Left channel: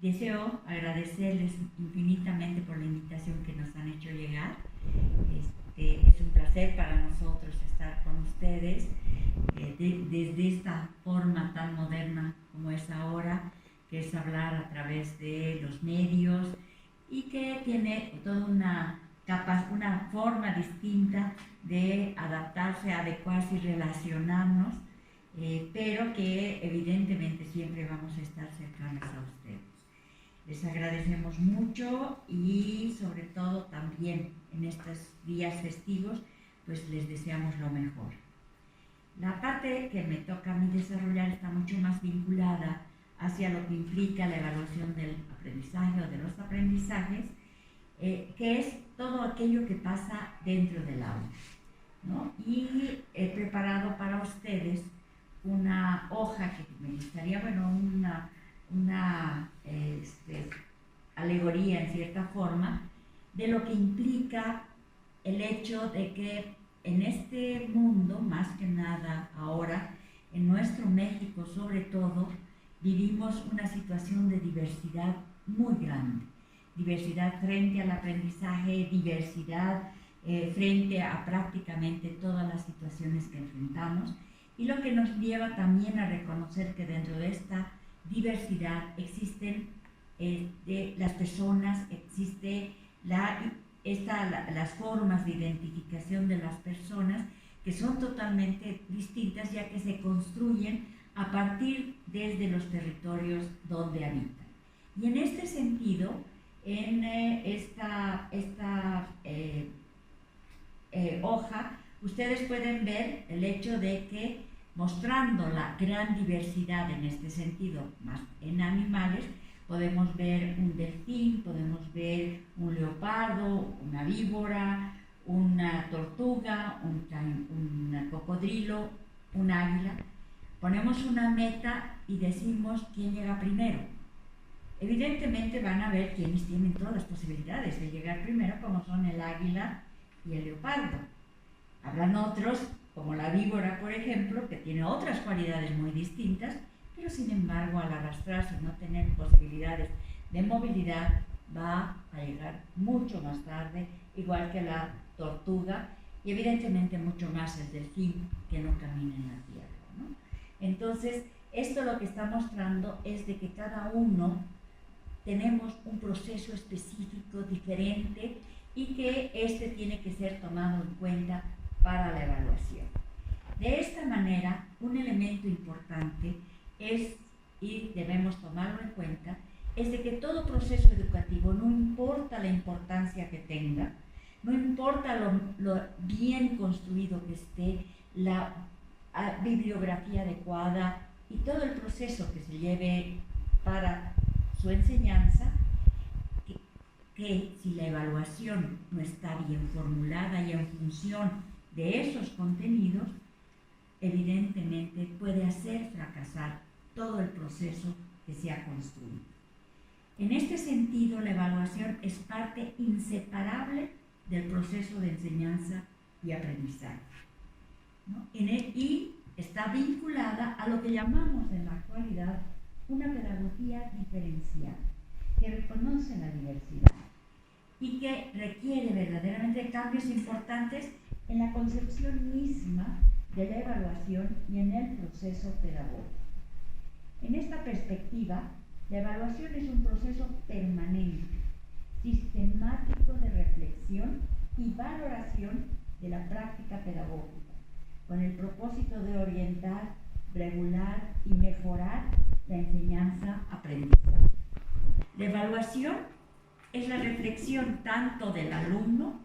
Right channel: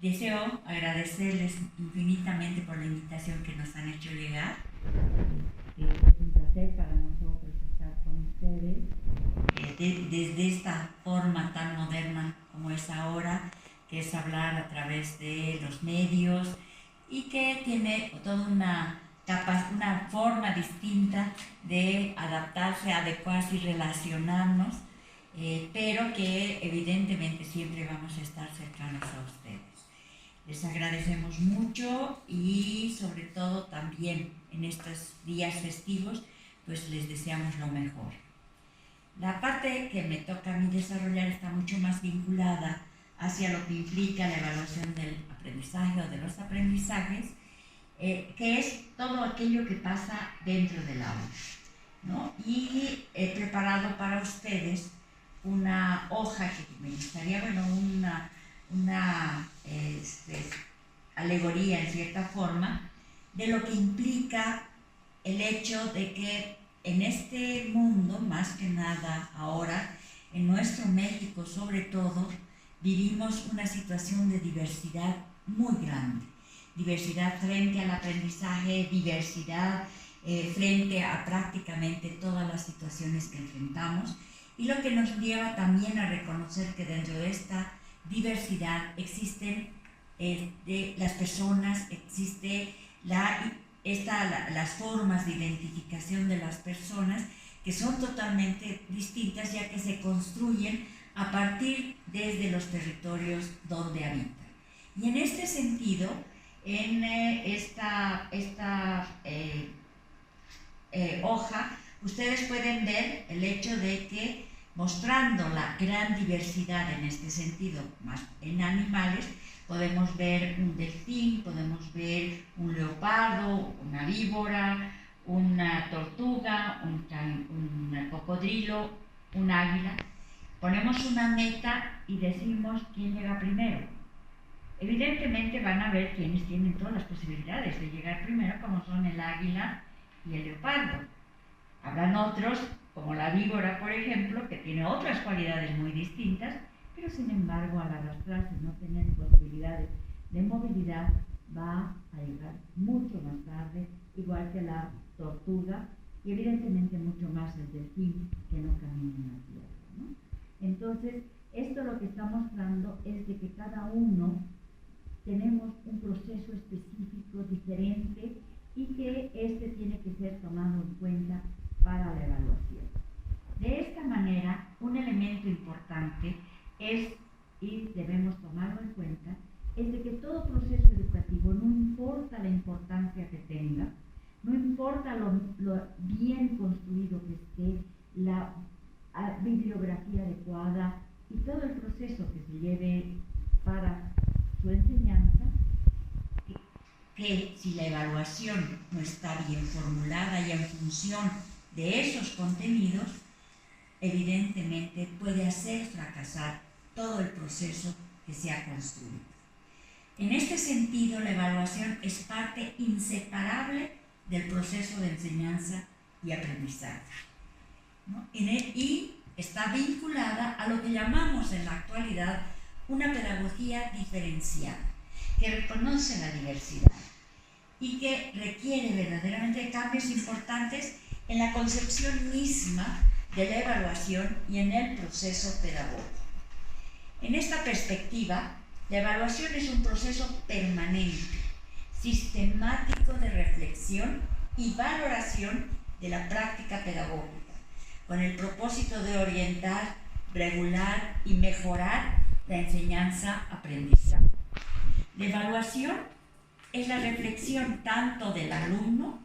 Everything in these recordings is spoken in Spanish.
Deseo agradecerles infinitamente por la invitación que nos han hecho llegar. Es un placer para nosotros estar con ustedes desde esta forma tan moderna como es ahora, que es hablar a través de los medios y que tiene toda una forma distinta de adaptarse, adecuarse y relacionarnos, pero que evidentemente siempre vamos a estar cercanos a ustedes. Les agradecemos mucho y sobre todo también en estos días festivos, pues les deseamos lo mejor. La parte que me toca a mí desarrollar está mucho más vinculada hacia lo que implica la evaluación del aprendizaje o de los aprendizajes, que es todo aquello que pasa dentro del aula, ¿no? Y he preparado para ustedes una hoja que me gustaría, una alegoría en cierta forma de lo que implica el hecho de que en este mundo, más que nada ahora, en nuestro México sobre todo, vivimos una situación de diversidad muy grande. Diversidad frente al aprendizaje, diversidad frente a prácticamente todas las situaciones que enfrentamos, y lo que nos lleva también a reconocer que dentro de esta diversidad existen las personas, existe las formas de identificación de las personas que son totalmente distintas, ya que se construyen a partir desde los territorios donde habitan. Y en este sentido, en esta hoja, ustedes pueden ver el hecho de que, mostrando la gran diversidad en este sentido, más en animales, podemos ver un delfín, podemos ver un leopardo, una víbora, una tortuga, un cocodrilo, un águila. Ponemos una meta y decimos quién llega primero. Evidentemente van a ver quienes tienen todas las posibilidades de llegar primero, como son el águila y el leopardo. Habrán otros, como la víbora, por ejemplo, que tiene otras cualidades muy distintas, pero sin embargo, al arrastrarse y no tener posibilidades de movilidad, va a llegar mucho más tarde, igual que la tortuga, y evidentemente mucho más el delfín, que no camina en la tierra, ¿no? Entonces, esto lo que está mostrando es de que cada uno tenemos un proceso específico diferente y que este tiene que ser tomado en cuenta para la evaluación. De esta manera, un elemento importante es, y debemos tomarlo en cuenta, es de que todo proceso educativo, no importa la importancia que tenga, no importa lo bien construido que esté, la bibliografía adecuada y todo el proceso que se lleve para su enseñanza, que si la evaluación no está bien formulada y en función de esos contenidos, evidentemente puede hacer fracasar todo el proceso que se ha construido. En este sentido, la evaluación es parte inseparable del proceso de enseñanza y aprendizaje, ¿no? Y está vinculada a lo que llamamos en la actualidad una pedagogía diferenciada, que reconoce la diversidad y que requiere verdaderamente cambios importantes en la concepción misma de la evaluación y en el proceso pedagógico. En esta perspectiva, la evaluación es un proceso permanente, sistemático de reflexión y valoración de la práctica pedagógica, con el propósito de orientar, regular y mejorar la enseñanza-aprendizaje. La evaluación es la reflexión tanto del alumno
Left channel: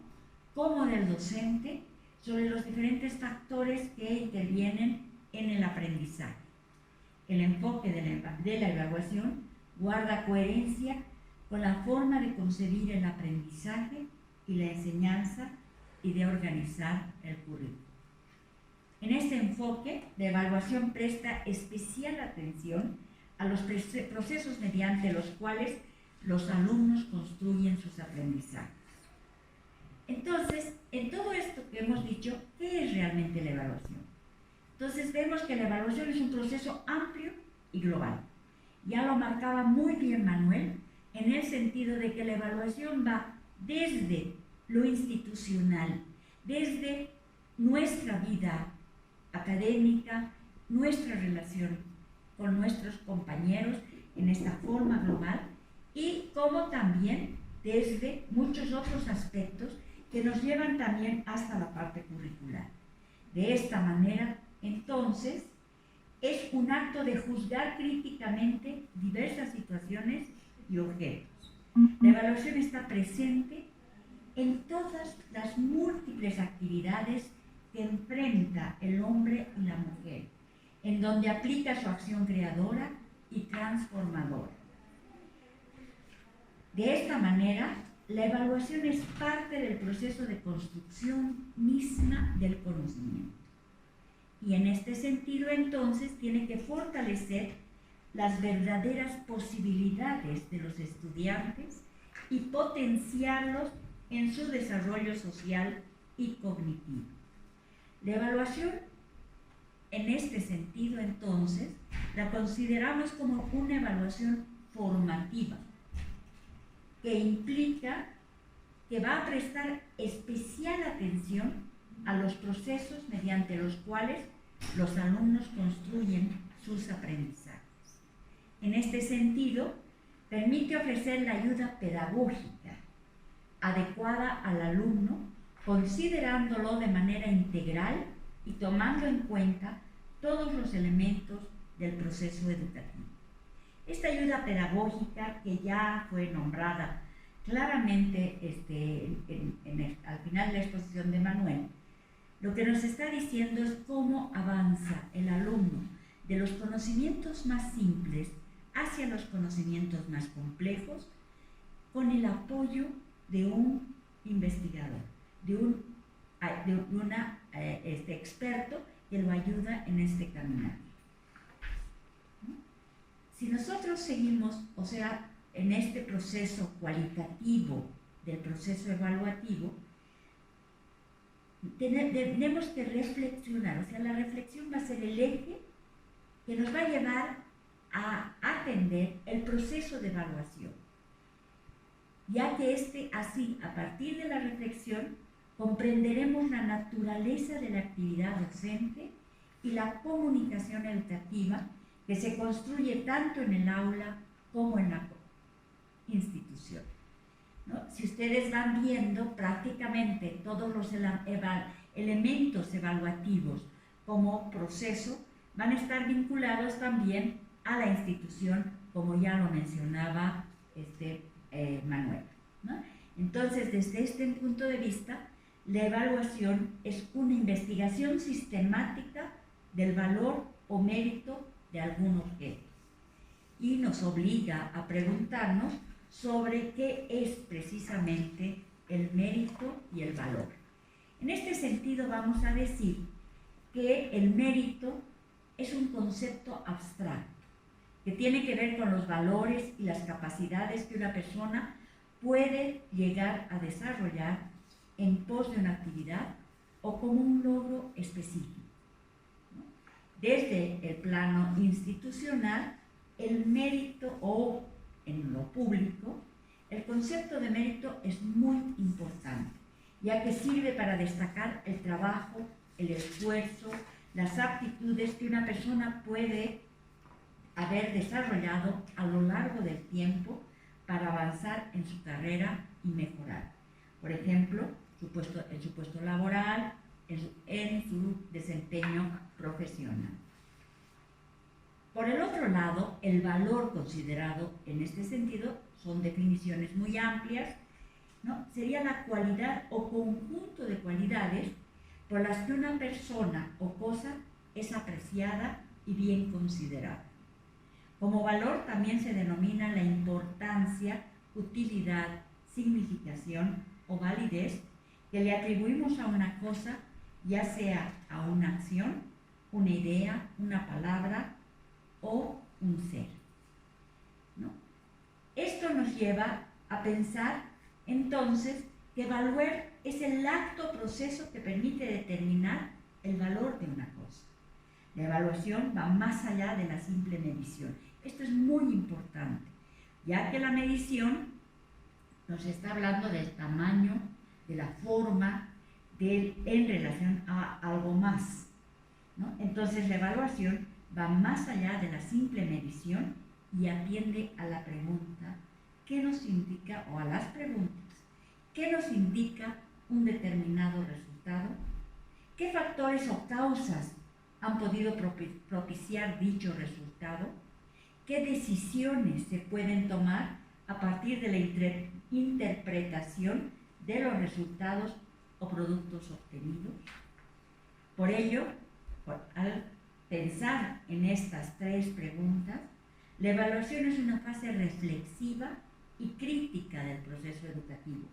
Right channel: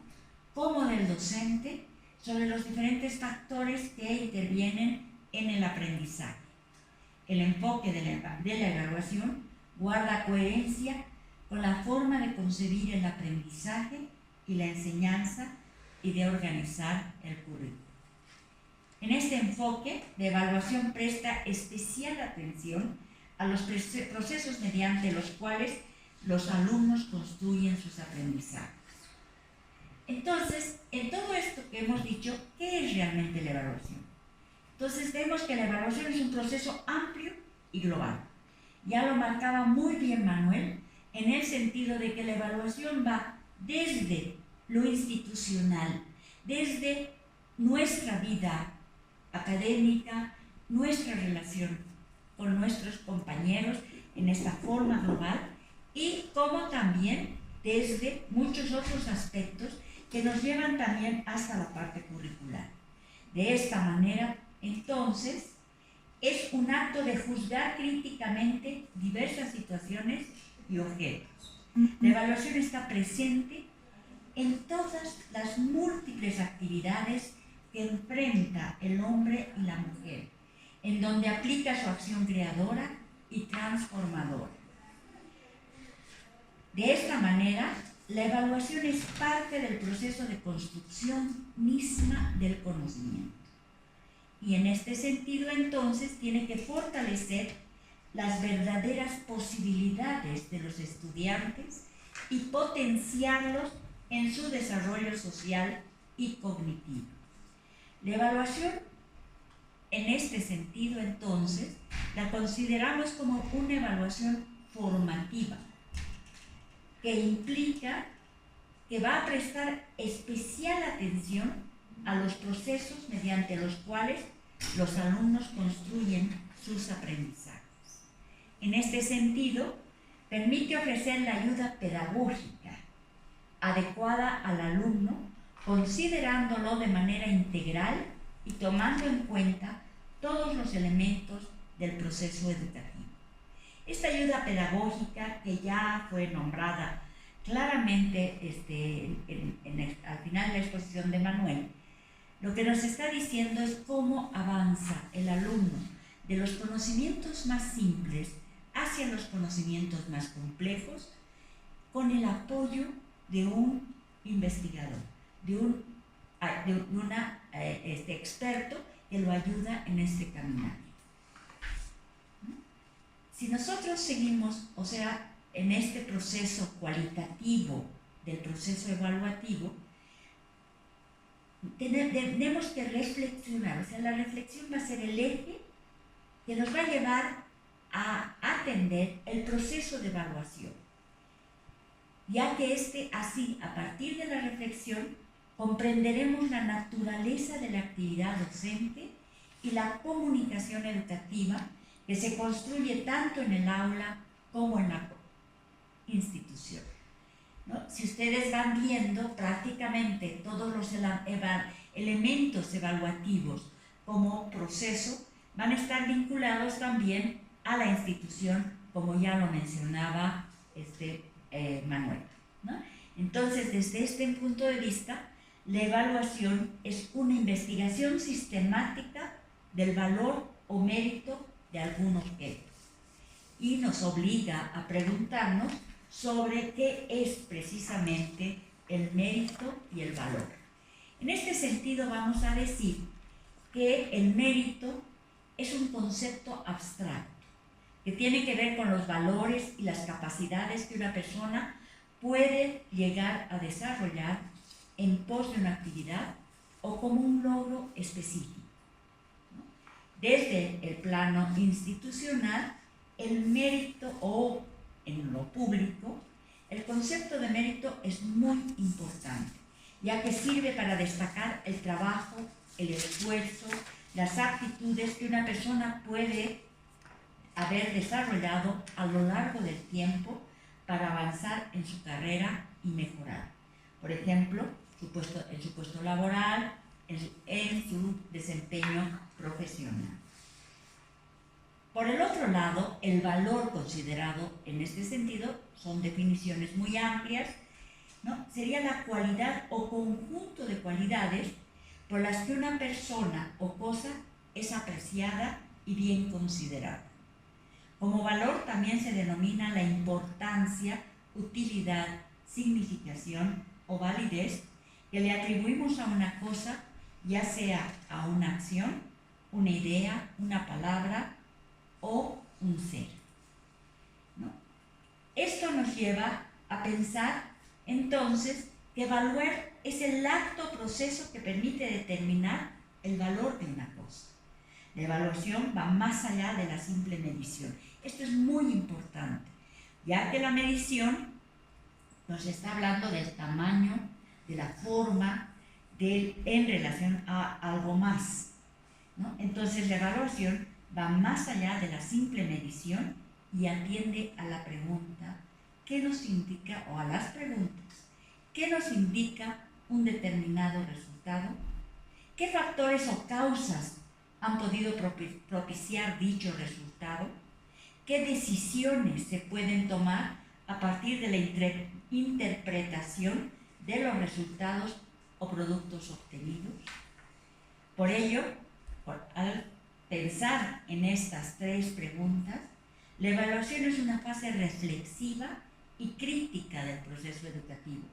como del docente sobre los diferentes factores que intervienen en el aprendizaje. El enfoque de la evaluación guarda coherencia con la forma de concebir el aprendizaje y la enseñanza y de organizar el currículo. En este enfoque, la evaluación presta especial atención a los procesos mediante los cuales los alumnos construyen sus aprendizajes. Entonces, en todo esto que hemos dicho, ¿qué es realmente la evaluación? Entonces vemos que la evaluación es un proceso amplio y global, Ya lo marcaba muy bien Manuel, en el sentido de que la evaluación va desde lo institucional, desde nuestra vida académica, nuestra relación con nuestros compañeros en esta forma global, y como también desde muchos otros aspectos que nos llevan también hasta la parte curricular. De esta manera, entonces, es un acto de juzgar críticamente diversas situaciones y objetos. La evaluación está presente en todas las múltiples actividades que enfrenta el hombre y la mujer, en donde aplica su acción creadora y transformadora. De esta manera, la evaluación es parte del proceso de construcción misma del conocimiento. Y en este sentido, entonces, tiene que fortalecer las verdaderas posibilidades de los estudiantes y potenciarlos en su desarrollo social y cognitivo. La evaluación, en este sentido, entonces, la consideramos como una evaluación formativa, que implica que va a prestar especial atención a los procesos mediante los cuales los alumnos construyen sus aprendizajes. En este sentido, permite ofrecer la ayuda pedagógica adecuada al alumno, considerándolo de manera integral y tomando en cuenta todos los elementos del proceso educativo. Esta ayuda pedagógica, que ya fue nombrada claramente al final de la exposición de Manuel, lo que nos está diciendo es cómo avanza el alumno de los conocimientos más simples hacia los conocimientos más complejos, con el apoyo de un investigador, de un experto que lo ayuda en este caminar. Si nosotros seguimos, o sea, en este proceso cualitativo del proceso evaluativo, tenemos que reflexionar, o sea, la reflexión va a ser el eje que nos va a llevar a atender el proceso de evaluación, ya que así, a partir de la reflexión, comprenderemos la naturaleza de la actividad docente y la comunicación educativa que se construye tanto en el aula como en la institución, ¿no? Si ustedes van viendo, prácticamente todos los elementos evaluativos como proceso van a estar vinculados también a la institución, como ya lo mencionaba Manuel, ¿no? Entonces, desde este punto de vista, la evaluación es una investigación sistemática del valor o mérito de algún objeto y nos obliga a preguntarnos sobre qué es precisamente el mérito y el valor. En este sentido, vamos a decir que el mérito es un concepto abstracto que tiene que ver con los valores y las capacidades que una persona puede llegar a desarrollar en pos de una actividad o como un logro específico, ¿no? Desde el plano institucional, el mérito, o en lo público, el concepto de mérito es muy importante, ya que sirve para destacar el trabajo, el esfuerzo, las aptitudes que una persona puede haber desarrollado a lo largo del tiempo para avanzar en su carrera y mejorar. Por ejemplo, en su puesto laboral, en su desempeño profesional. Por el otro lado, el valor considerado en este sentido son definiciones muy amplias, ¿no? Sería la cualidad o conjunto de cualidades por las que una persona o cosa es apreciada y bien considerada. Como valor también se denomina la importancia, utilidad, significación o validez que le atribuimos a una cosa, ya sea a una acción, una idea, una palabra o un ser, ¿no? Esto nos lleva a pensar entonces que evaluar es el acto o proceso que permite determinar el valor de una cosa. La evaluación va más allá de la simple medición. Esto es muy importante, ya que la medición nos está hablando del tamaño, de la forma, en relación a algo más, ¿no? Entonces la evaluación va más allá de la simple medición y atiende a la pregunta, ¿qué nos indica, o a las preguntas, qué nos indica un determinado resultado? ¿Qué factores o causas han podido propiciar dicho resultado? ¿Qué decisiones se pueden tomar a partir de la interpretación de los resultados o productos obtenidos? Por ello, al pensar en estas tres preguntas, la evaluación es una fase reflexiva y crítica del proceso educativo,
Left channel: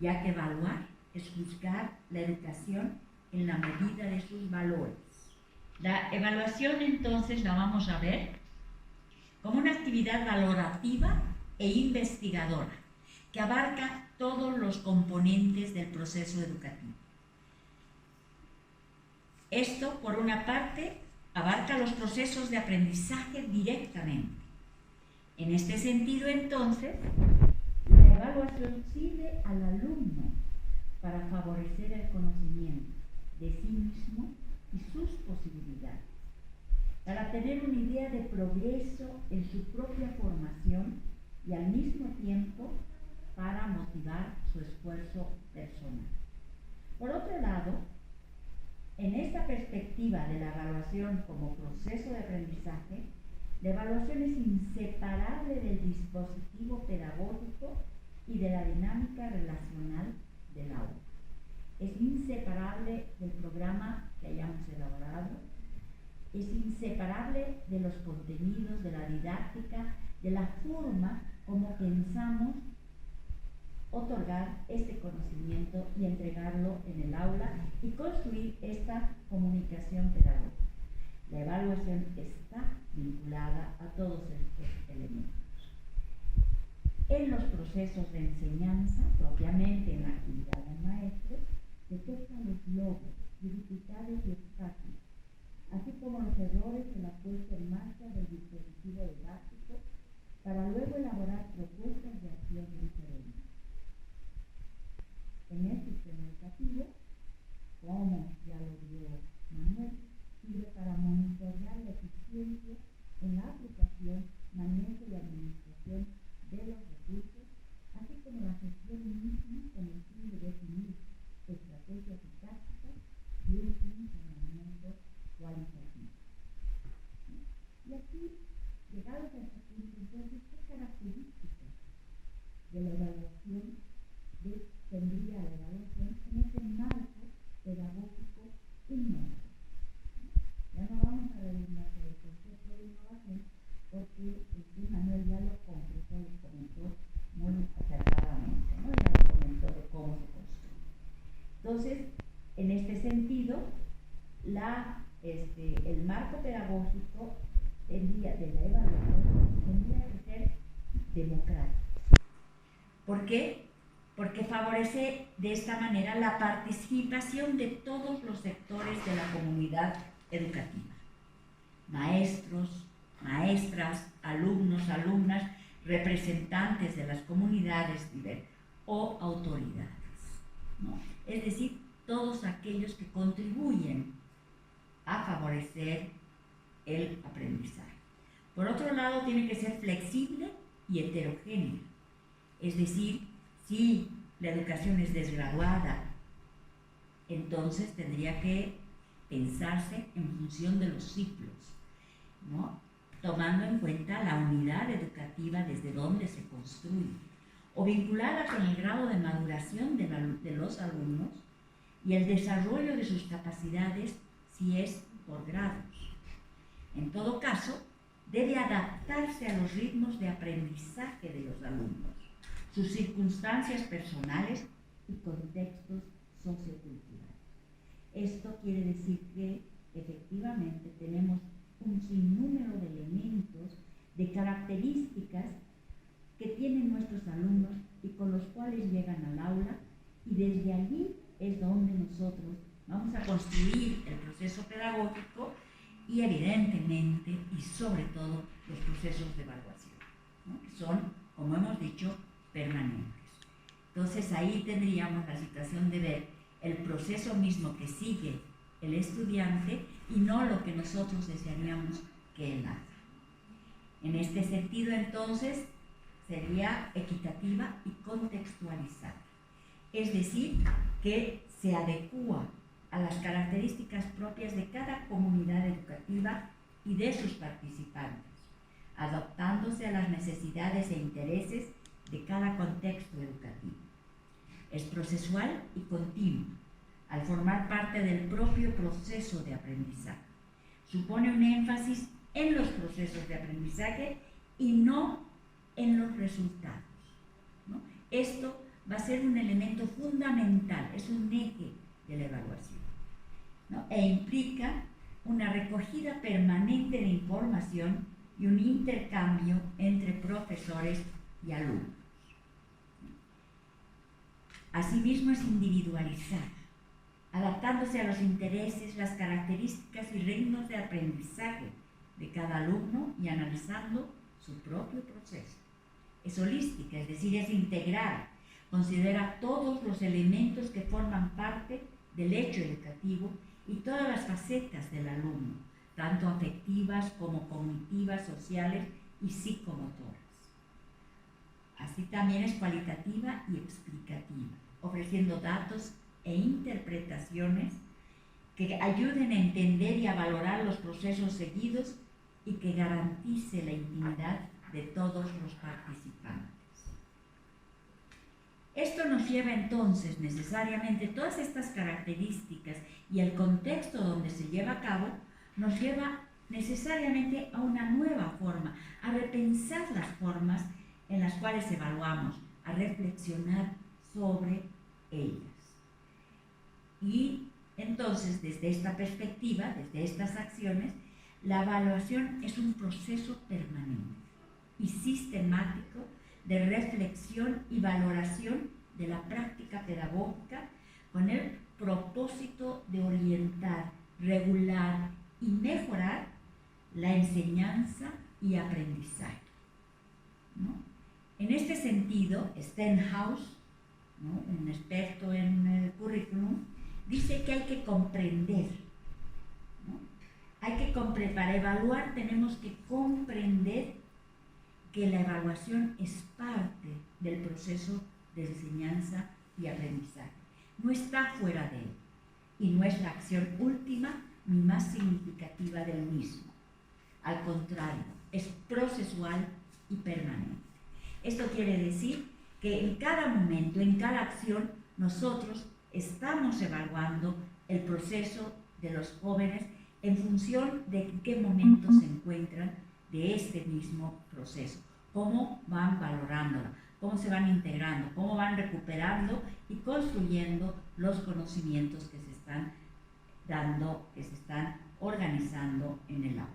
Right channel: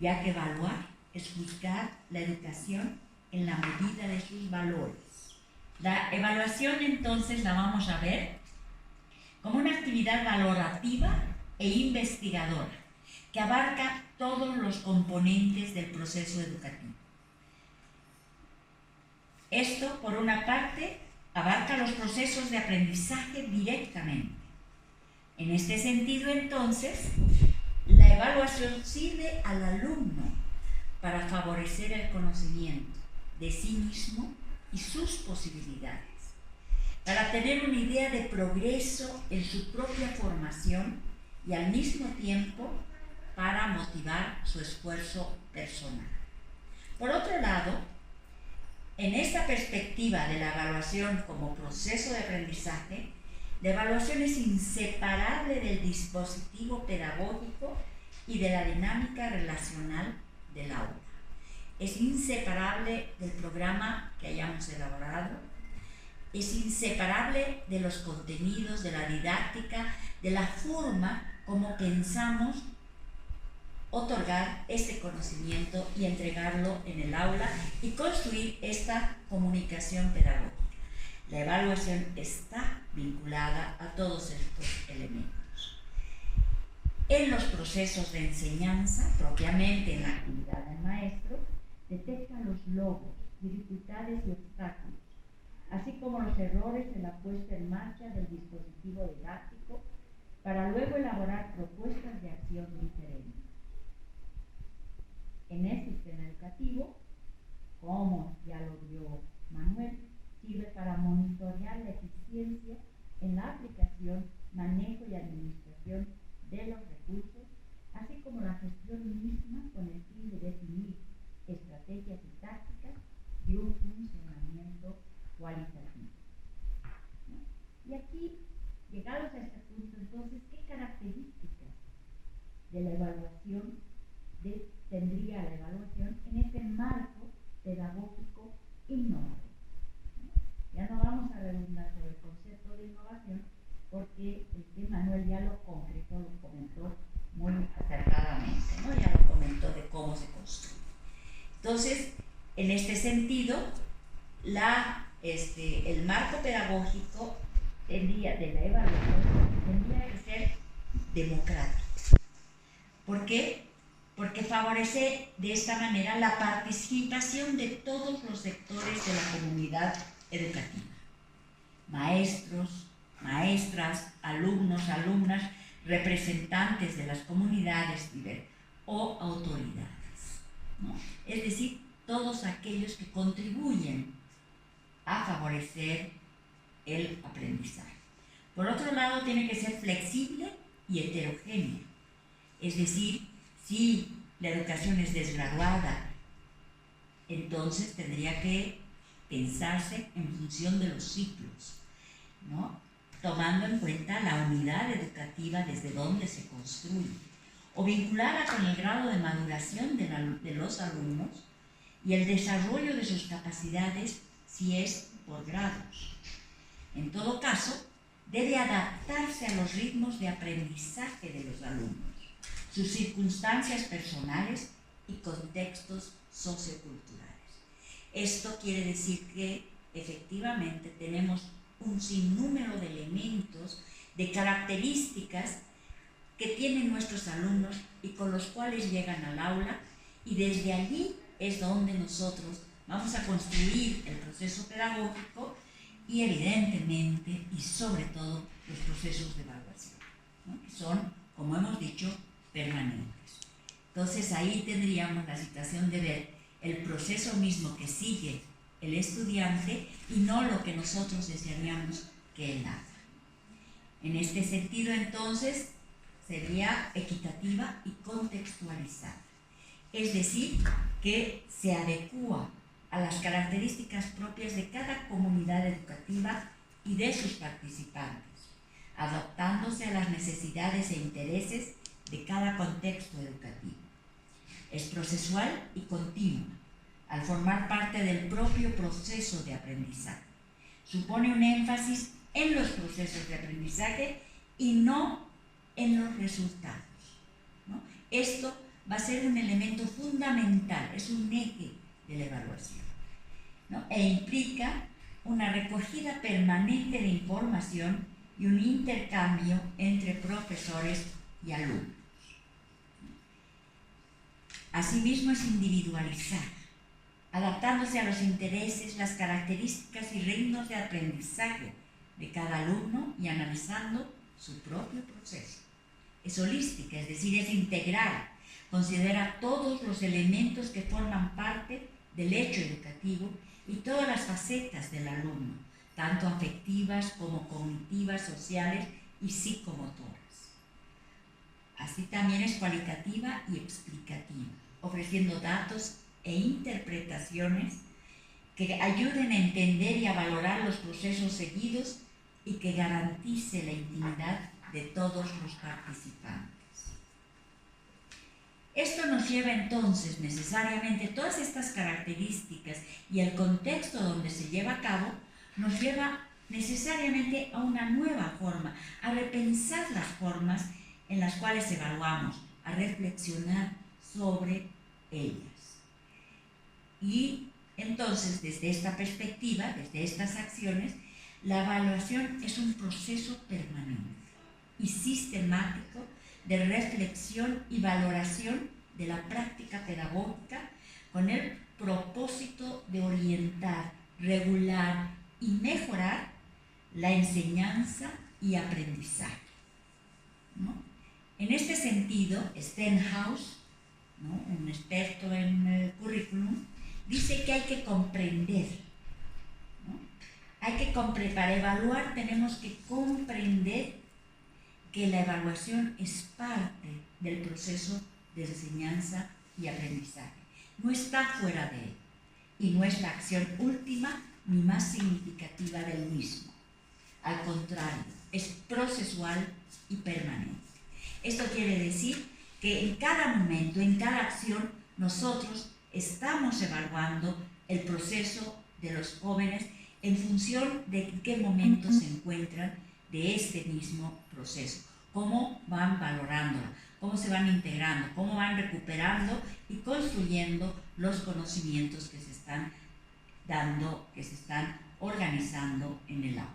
ya que evaluar es juzgar la educación en la medida de sus valores. La evaluación entonces la vamos a ver como una actividad valorativa e investigadora que abarca todos los componentes del proceso educativo. Esto, por una parte, abarca los procesos de aprendizaje directamente. En este sentido, entonces, la evaluación sirve al alumno para favorecer el conocimiento de sí mismo y sus posibilidades, para tener una idea de progreso en su propia formación y al mismo tiempo para motivar su esfuerzo personal. Por otro lado, en esta perspectiva de la evaluación como proceso de aprendizaje, la evaluación es inseparable del dispositivo pedagógico y de la dinámica relacional del aula. Es inseparable del programa que hayamos elaborado, es inseparable de los contenidos, de la didáctica, de la forma como pensamos otorgar este conocimiento y entregarlo en el aula y construir esta comunicación pedagógica. La evaluación está vinculada a todos estos elementos. En los procesos de enseñanza, propiamente en la actividad del maestro, detecta los logros, dificultades y obstáculos, así como los errores en la puesta en marcha del dispositivo didáctico, para luego elaborar propuestas de acción diferentes. En el sistema educativo, como ya lo vio Manuel, sirve para monitorear la eficiencia en la aplicación, manejo y administración de los recursos, así como la gestión misma con el fin de definir estrategias y tácticas de un funcionamiento cualitativo. Y aquí, llegados a este punto, entonces, ¿qué características de la evaluación tendría la evaluación en este marco pedagógico innovador? Ya no vamos a redundar sobre el concepto de innovación porque Manuel ya lo concretó, lo comentó muy acertadamente, ¿no? Ya lo comentó de cómo se construye. Entonces, en este sentido, el marco pedagógico de la evaluación tendría que ser democrático. ¿Por qué? Porque favorece de esta manera la participación de todos los sectores de la comunidad educativa: maestros, maestras, alumnos, alumnas, representantes de las comunidades o autoridades, ¿no? Es decir, todos aquellos que contribuyen a favorecer el aprendizaje. Por otro lado, tiene que ser flexible y heterogénea, es decir, si la educación es desgraduada, entonces tendría que pensarse en función de los ciclos, ¿no? Tomando en cuenta la unidad educativa desde donde se construye, o vinculada con el grado de maduración de los alumnos y el desarrollo de sus capacidades si es por grados. En todo caso, debe adaptarse a los ritmos de aprendizaje de los alumnos, sus circunstancias personales y contextos socioculturales. Esto quiere decir que efectivamente tenemos un sinnúmero de elementos, de características que tienen nuestros alumnos y con los cuales llegan al aula, y desde allí es donde nosotros vamos a construir el proceso pedagógico y evidentemente y sobre todo los procesos de evaluación, ¿no? Que son, como hemos dicho, permanentes. Entonces ahí tendríamos la situación de ver el proceso mismo que sigue el estudiante y no lo que nosotros desearíamos que él haga. En este sentido, entonces, sería equitativa y contextualizada. Es decir, que se adecúa a las características propias de cada comunidad educativa y de sus participantes, adaptándose a las necesidades e intereses de cada contexto educativo. Es procesual y continua, al formar parte del propio proceso de aprendizaje. Supone un énfasis en los procesos de aprendizaje y no en los resultados, ¿no? Esto va a ser un elemento fundamental, es un eje de la evaluación, ¿no? E implica una recogida permanente de información y un intercambio entre profesores y alumnos. Asimismo, es individualizar, adaptándose a los intereses, las características y ritmos de aprendizaje de cada alumno y analizando su propio proceso. Es holística, es decir, es integral, considera todos los elementos que forman parte del hecho educativo y todas las facetas del alumno, tanto afectivas como cognitivas, sociales y psicomotoras. Así también es cualitativa y explicativa, ofreciendo datos e interpretaciones que ayuden a entender y a valorar los procesos seguidos y que garantice la intimidad de todos los participantes. Esto nos lleva entonces necesariamente, todas estas características y el contexto donde se lleva a cabo, nos lleva necesariamente a una nueva forma, a repensar las formas en las cuales evaluamos, a reflexionar sobre ellas. Y entonces, desde esta perspectiva, desde estas acciones, la evaluación es un proceso permanente y sistemático de reflexión y valoración de la práctica pedagógica con el propósito de orientar, regular y mejorar la enseñanza y aprendizaje, ¿no? En este sentido, Stenhouse, ¿no?, un experto en el currículum, dice que hay que comprender, ¿no? Para evaluar tenemos que comprender que la evaluación es parte del proceso de enseñanza y aprendizaje. No está fuera de él y no es la acción última ni más significativa del mismo. Al contrario, es procesual y permanente. Esto quiere decir que en cada momento, en cada acción, nosotros estamos evaluando el proceso de los jóvenes en función de en qué momento se encuentran de este mismo proceso, cómo van valorándolo, cómo se van integrando, cómo van recuperando y construyendo los conocimientos que se están dando, que se están organizando en el aula.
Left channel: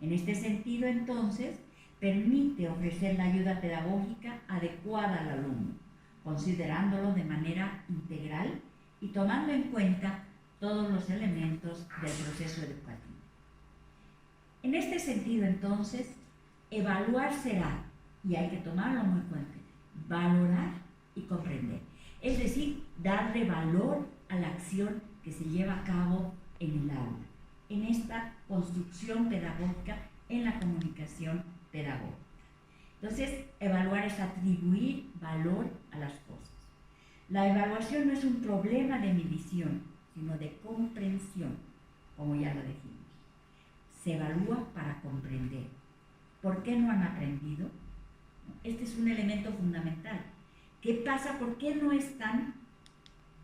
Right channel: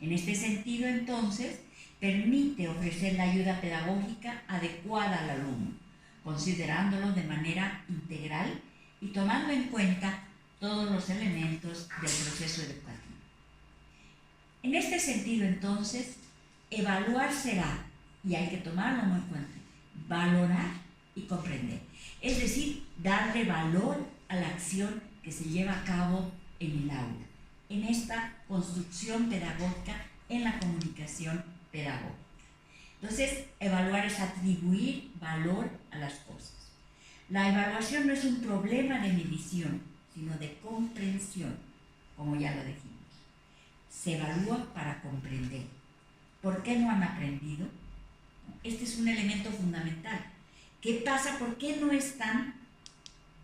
En este sentido, entonces, permite ofrecer la ayuda pedagógica adecuada al alumno, considerándolo de manera integral y tomando en cuenta todos los elementos del proceso educativo. En este sentido, entonces, evaluar será, y hay que tomarlo muy en cuenta, valorar y comprender. Es decir, darle valor a la acción que se lleva a cabo en el aula, en esta construcción pedagógica, en la comunicación pedagógica. Entonces, evaluar es atribuir valor a las cosas. La evaluación no es un problema de medición, sino de comprensión, como ya lo dijimos. Se evalúa para comprender. ¿Por qué no han aprendido? Este es un elemento fundamental. ¿Qué pasa? ¿Por qué no están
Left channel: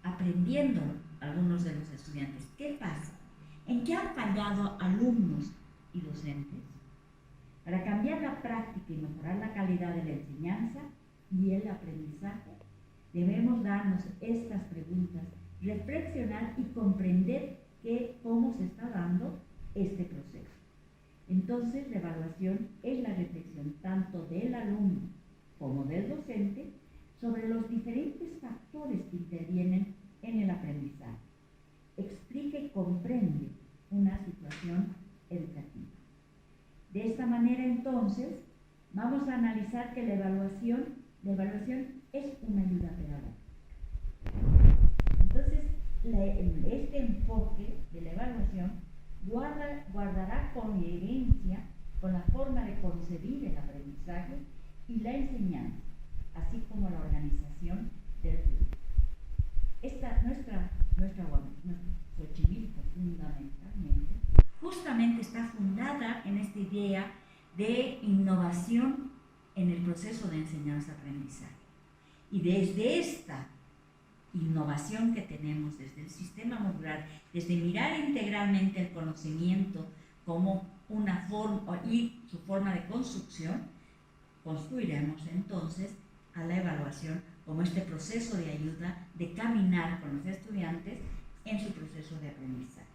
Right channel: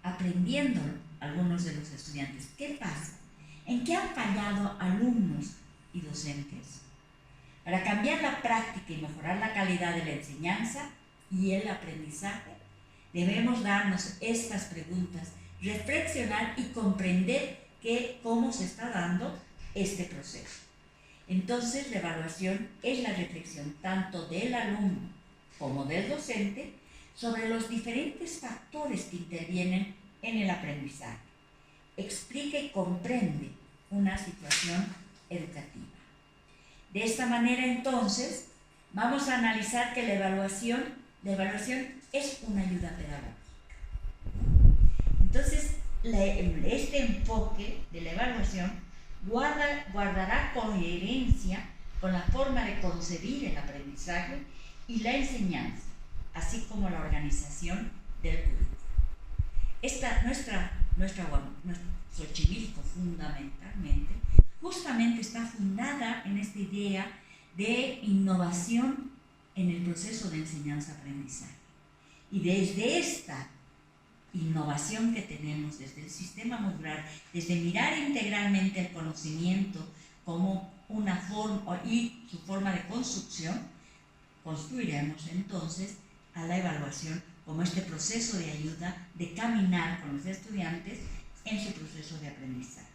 aprendiendo algunos de los estudiantes? ¿Qué pasa? ¿En qué han fallado alumnos y docentes? Para cambiar la práctica y mejorar la calidad de la enseñanza y el aprendizaje, debemos darnos estas preguntas, reflexionar y comprender cómo se está dando este proceso. Entonces, la evaluación es la reflexión tanto del alumno como del docente sobre los diferentes factores que intervienen en el aprendizaje. Explica y comprende una situación educativa. De esta manera, entonces, vamos a analizar que la evaluación es una ayuda pedagógica. Entonces, este enfoque de la evaluación guardará coherencia con la forma de concebir el aprendizaje y la enseñanza, así como la organización del currículo. Nuestra Xochimilco, fundamentalmente, justamente está fundada en esta idea de innovación en el proceso de enseñanza-aprendizaje. Y desde esta innovación que tenemos desde el sistema modular, desde mirar integralmente el conocimiento como una forma y su forma de construcción, construiremos entonces a la evaluación como este proceso de ayuda de caminar con los estudiantes en su proceso de aprendizaje,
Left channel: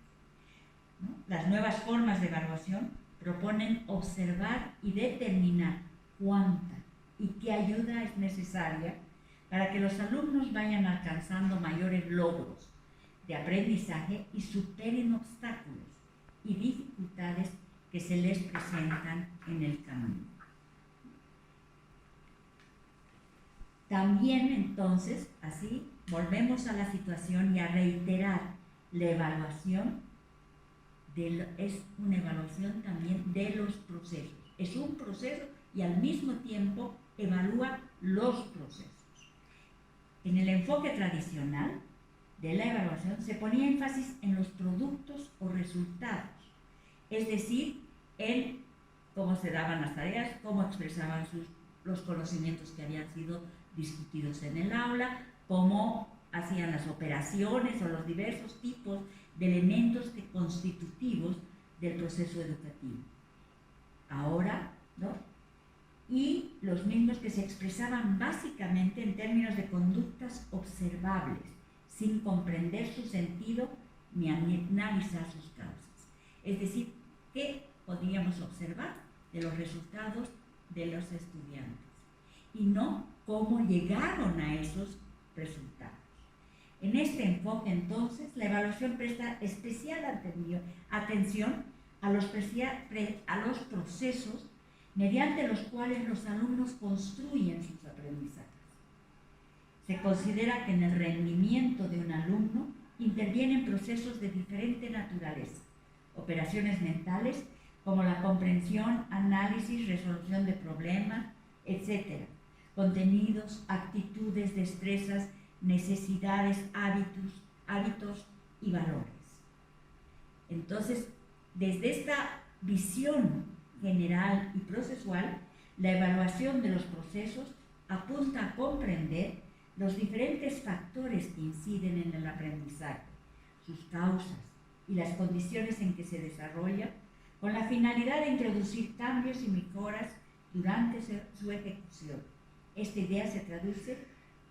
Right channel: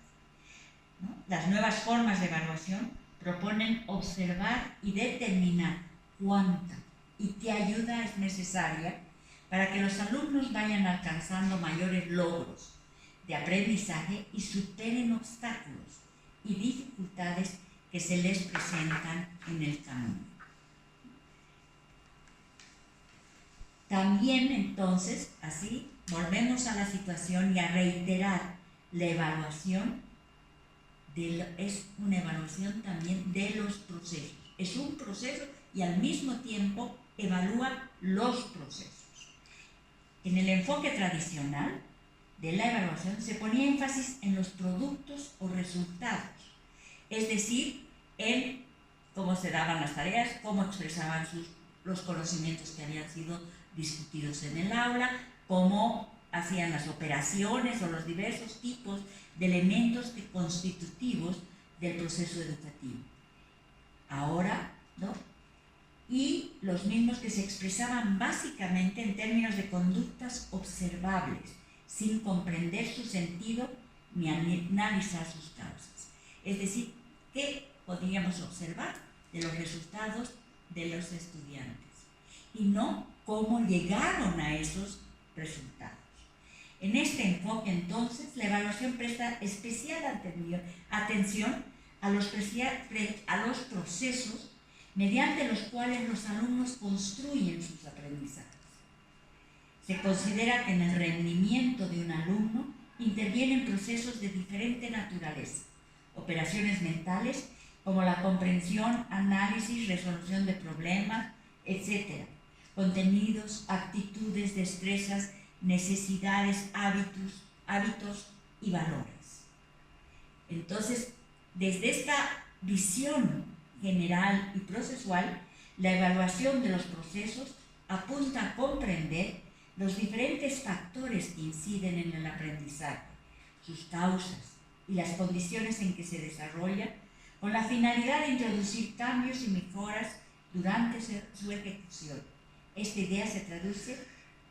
¿no? Las nuevas formas de evaluación proponen observar y determinar cuánta y qué ayuda es necesaria para que los alumnos vayan alcanzando mayores logros de aprendizaje y superen obstáculos y dificultades que se les presentan en el camino. También, entonces, así, volvemos a la situación y a reiterar la evaluación, es una evaluación también de los procesos. Es un proceso y al mismo tiempo evalúa los procesos. En el enfoque tradicional de la evaluación se ponía énfasis en los productos o resultados, es decir, en cómo se daban las tareas, cómo expresaban los conocimientos que habían sido discutidos en el aula, cómo hacían las operaciones o los diversos tipos de elementos constitutivos del proceso educativo. Ahora, ¿no? Y los mismos que se expresaban básicamente en términos de conductas observables, sin comprender su sentido ni analizar sus causas. Es decir, ¿qué podíamos observar de los resultados de los estudiantes? Y no cómo llegaron a esos resultados. En este enfoque, entonces, la evaluación presta especial atención a los procesos mediante los cuales los alumnos construyen sus aprendizajes. Se considera que en el rendimiento de un alumno intervienen procesos de diferente naturaleza, operaciones mentales como la comprensión, análisis, resolución de problemas, etc., contenidos, actitudes, destrezas, necesidades, hábitos y valores. Entonces, desde esta visión general y procesual, la evaluación de los procesos apunta a comprender los diferentes factores que inciden en el aprendizaje, sus causas y las condiciones en que se desarrolla, con la finalidad de introducir cambios y mejoras durante su ejecución. Esta idea se traduce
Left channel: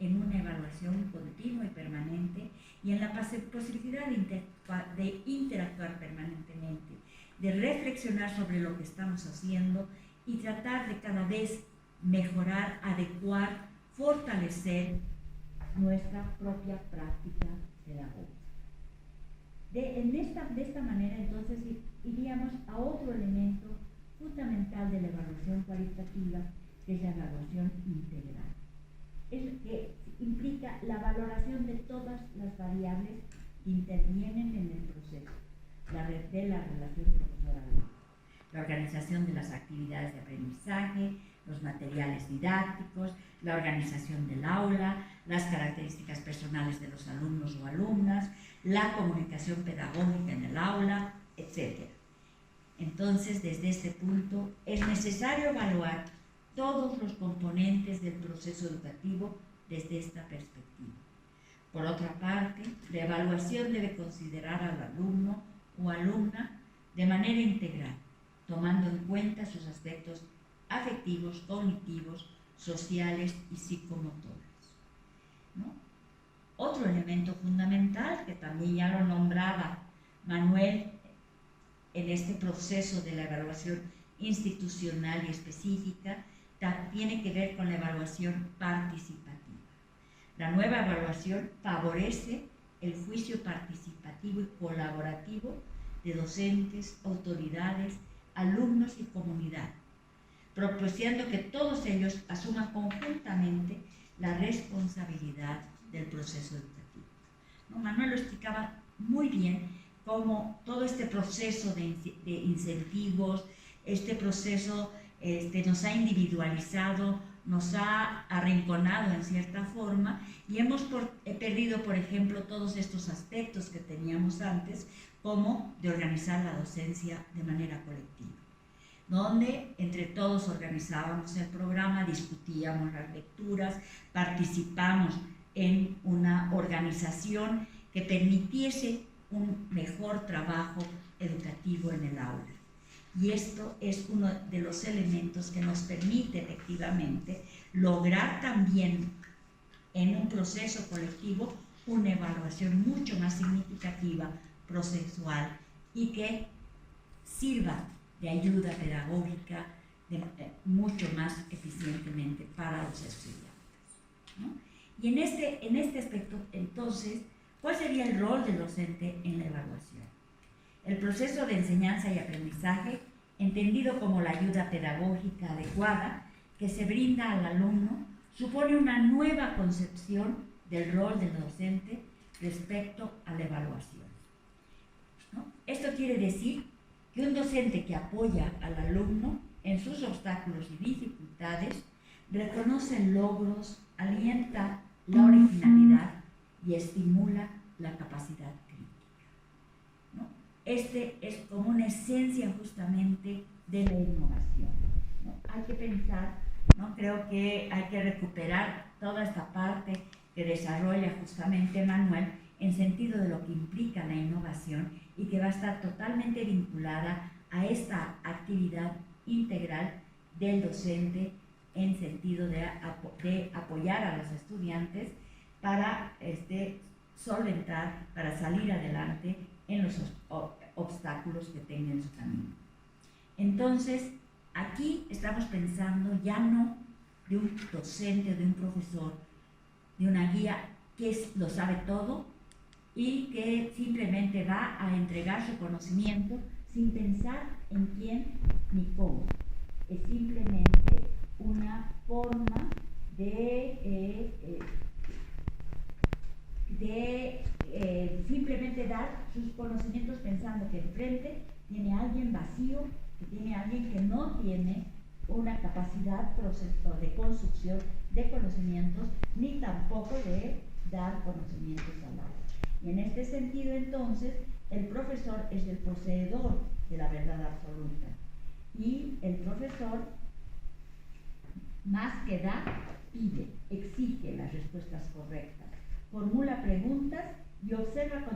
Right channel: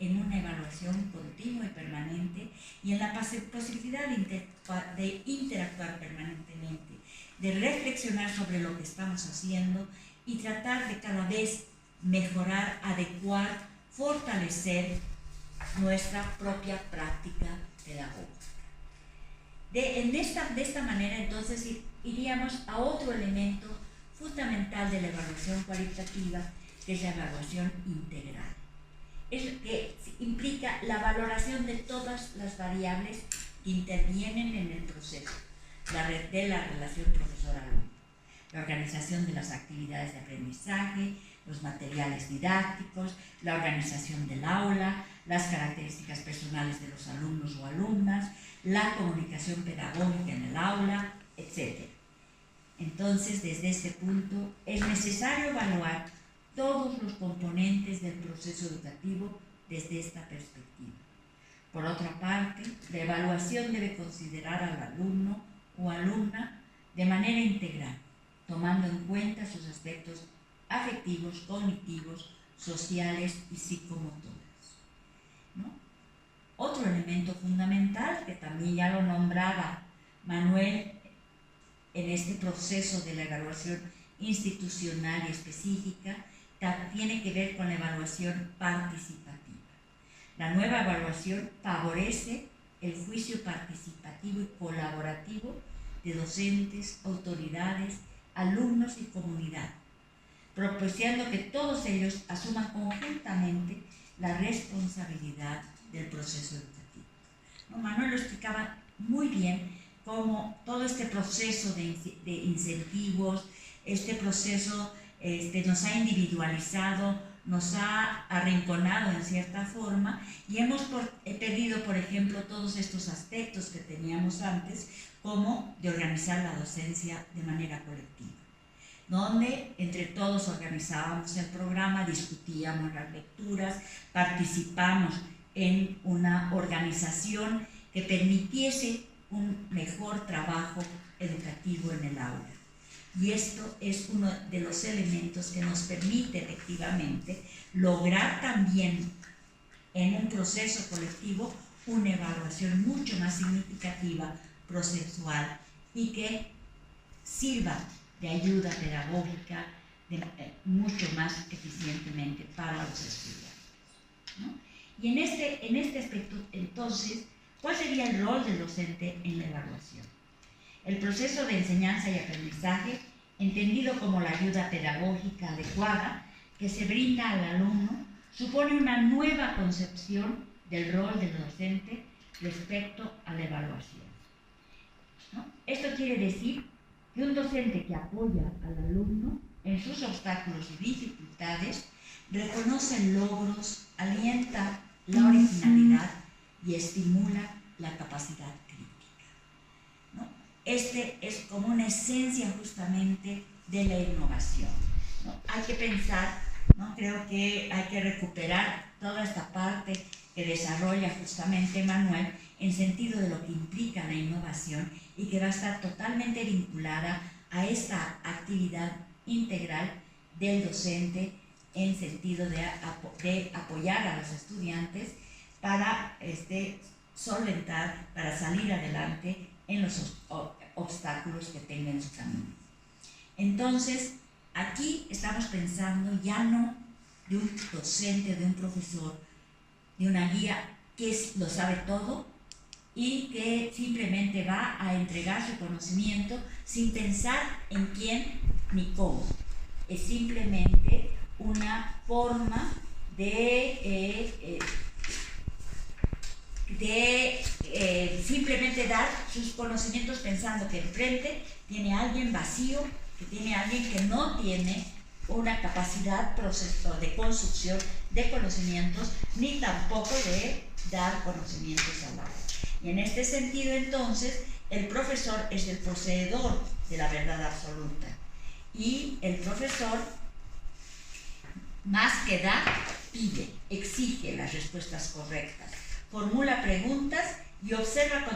en una evaluación continua y permanente y en la posibilidad de interactuar permanentemente, de reflexionar sobre lo que estamos haciendo y tratar de cada vez mejorar, adecuar, fortalecer nuestra propia práctica pedagógica. De esta manera, entonces, iríamos a otro elemento fundamental de la evaluación cualitativa, que es la evaluación integral. Es que implica la valoración de todas las variables que intervienen en el proceso de la relación profesor-alumno, la organización de las actividades de aprendizaje, los materiales didácticos, la organización del aula, las características personales de los alumnos o alumnas, la comunicación pedagógica en el aula, etc. Entonces, desde este punto, es necesario evaluar todos los componentes del proceso educativo desde esta perspectiva. Por otra parte, la evaluación debe considerar al alumno o alumna de manera integral, tomando en cuenta sus aspectos afectivos, cognitivos, sociales y psicomotores, ¿no? Otro elemento fundamental, que también ya lo nombraba Manuel en este proceso de la evaluación institucional y específica, tiene que ver con la evaluación participativa. La nueva evaluación favorece el juicio participativo y colaborativo de docentes, autoridades, alumnos y comunidad, propiciando que todos ellos asuman conjuntamente la responsabilidad del proceso educativo. ¿No? Manuel lo explicaba muy bien, cómo todo este proceso de incentivos, este proceso nos ha individualizado, nos ha arrinconado en cierta forma y hemos perdido, por ejemplo, todos estos aspectos que teníamos antes, como de organizar la docencia de manera colectiva, donde entre todos organizábamos el programa, discutíamos las lecturas, participamos en una organización que permitiese un mejor trabajo educativo en el aula. Y esto es uno de los elementos que nos permite efectivamente lograr también en un proceso colectivo una evaluación mucho más significativa, procesual, y que sirva de ayuda pedagógica mucho más eficientemente para los estudiantes, ¿no? Y en este aspecto, entonces, ¿cuál sería el rol del docente en la evaluación? El proceso de enseñanza y aprendizaje, entendido como la ayuda pedagógica adecuada que se brinda al alumno, supone una nueva concepción del rol del docente respecto a la evaluación, ¿no? Esto quiere decir que un docente que apoya al alumno en sus obstáculos y dificultades, reconoce logros, alienta la originalidad y estimula la capacidad crítica, ¿no? Este es como una esencia justamente de la innovación, ¿no? Hay que pensar, ¿no? Creo que hay que recuperar toda esta parte que desarrolla justamente Manuel en sentido de lo que implica la innovación y que va a estar totalmente vinculada a esta actividad integral del docente en sentido de apoyar a los estudiantes para solventar, para salir adelante en los obstáculos que tengan en su camino. Entonces, aquí estamos pensando ya no de un docente, de un profesor, de una guía que lo sabe todo y que simplemente va a entregar su conocimiento sin pensar en quién ni cómo. Es simplemente una forma de simplemente dar sus conocimientos pensando que enfrente tiene alguien vacío, que tiene alguien que no tiene una capacidad de construcción de conocimientos, ni tampoco de dar conocimientos al aula. Y en este sentido, entonces, el profesor es el poseedor de la verdad absoluta. Y el profesor, más que dar, pide, exige las respuestas correctas, formula preguntas y observa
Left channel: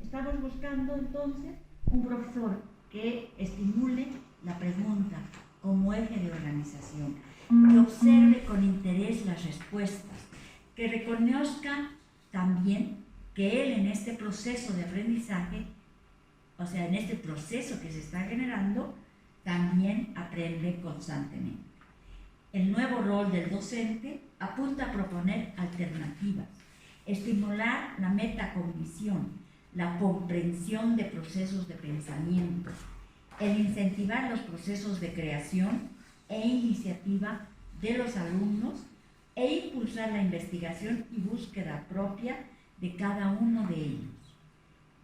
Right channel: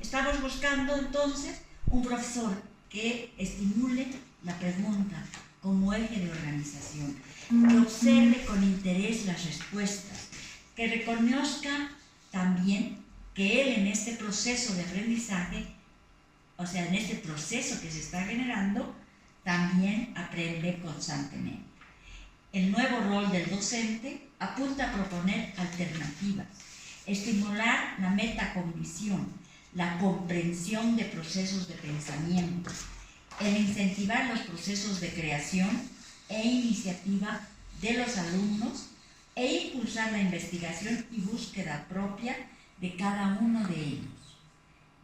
estamos buscando entonces un profesor que estimule la pregunta como eje de organización, que observe con interés las respuestas, que reconozca también que él en este proceso de aprendizaje, o sea, en este proceso que se está generando, también aprende constantemente. El nuevo rol del docente apunta a proponer alternativas, estimular la metacognición, la comprensión de procesos de pensamiento, el incentivar los procesos de creación e iniciativa de los alumnos e impulsar la investigación y búsqueda propia de cada uno de ellos,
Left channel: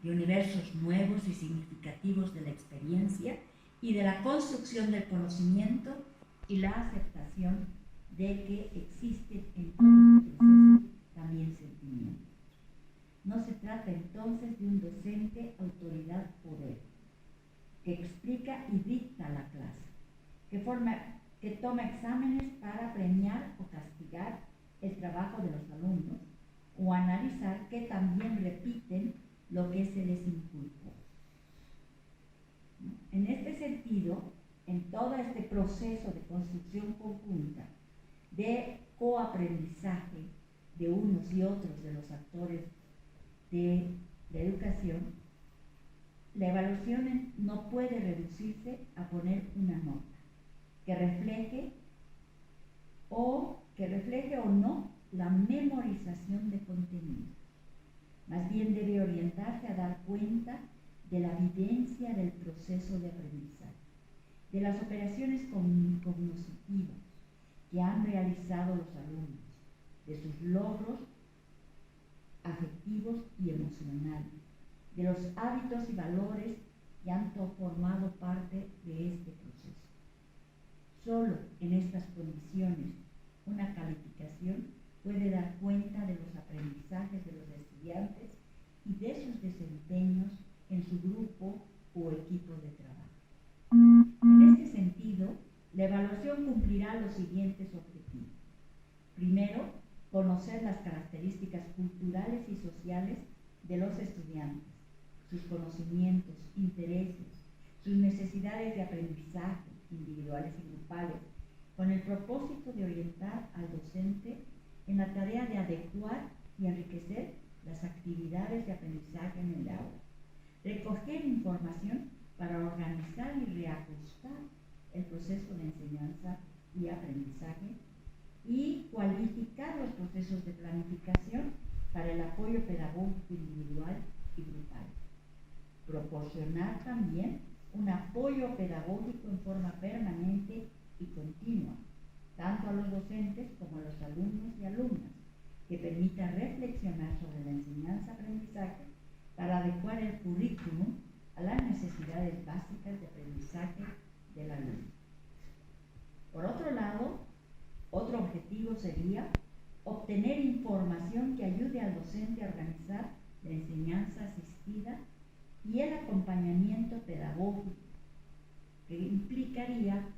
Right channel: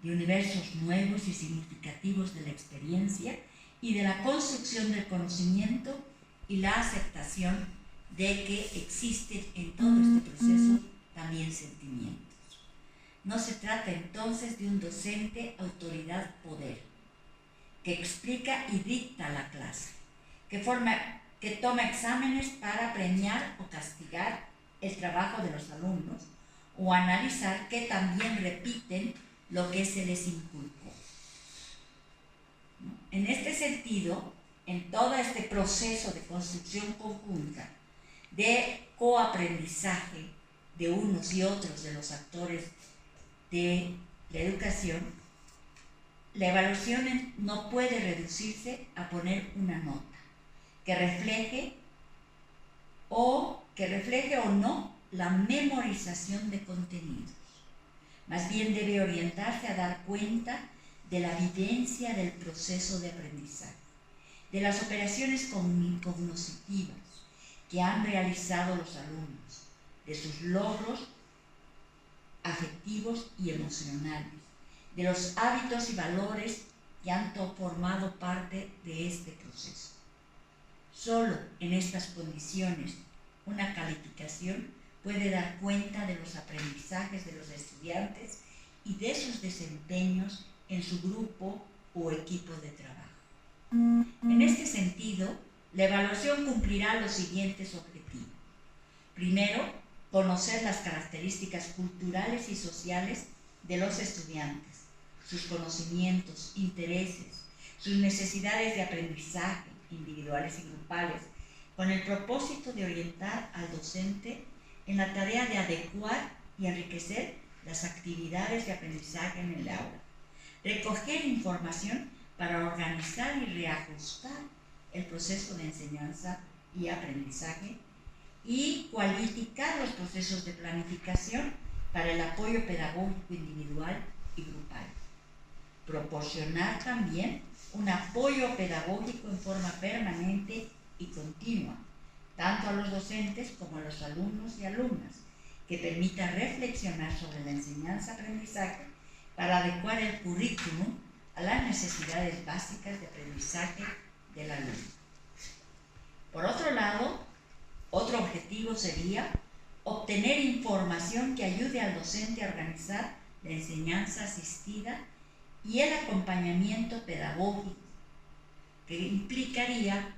de universos nuevos y significativos de la experiencia y de la construcción del conocimiento y la aceptación de que existen en todo este proceso también sentimientos. No se trata entonces de un docente autoridad-poder que explica y dicta la clase, que toma exámenes para premiar o castigar el trabajo de los alumnos o analizar que también repiten lo que se les inculcó. En este sentido, en todo este proceso de construcción conjunta, de coaprendizaje de unos y otros de los actores de la educación, la evaluación no puede reducirse a poner una nota que refleje o no la memorización de contenidos. Más bien debe orientarse a dar cuenta de la vivencia del proceso de aprendizaje. de las operaciones cognitivas que han realizado los alumnos, de sus logros afectivos y emocionales, de los hábitos y valores que han formado parte de este proceso. Solo en estas condiciones una calificación puede dar cuenta de los aprendizajes de los estudiantes y de sus desempeños en su grupo o equipo de trabajo. En este sentido, la evaluación cumplirá los siguientes objetivos. Primero, conocer las características culturales y sociales de los estudiantes, sus conocimientos, intereses, sus necesidades de aprendizaje individuales y grupales, con el propósito de orientar al docente en la tarea de adecuar y enriquecer las actividades de aprendizaje en el aula. Recoger información para organizar y reajustar el proceso de enseñanza y aprendizaje y cualificar los procesos de planificación para el apoyo pedagógico individual y grupal. Proporcionar también un apoyo pedagógico en forma permanente y continua, tanto a los docentes como a los alumnos y alumnas, que permita reflexionar sobre la enseñanza-aprendizaje para adecuar el currículum a las necesidades básicas de aprendizaje del alumno. Por otro lado, otro objetivo sería obtener información que ayude al docente a organizar la enseñanza asistida y el acompañamiento pedagógico, que implicaría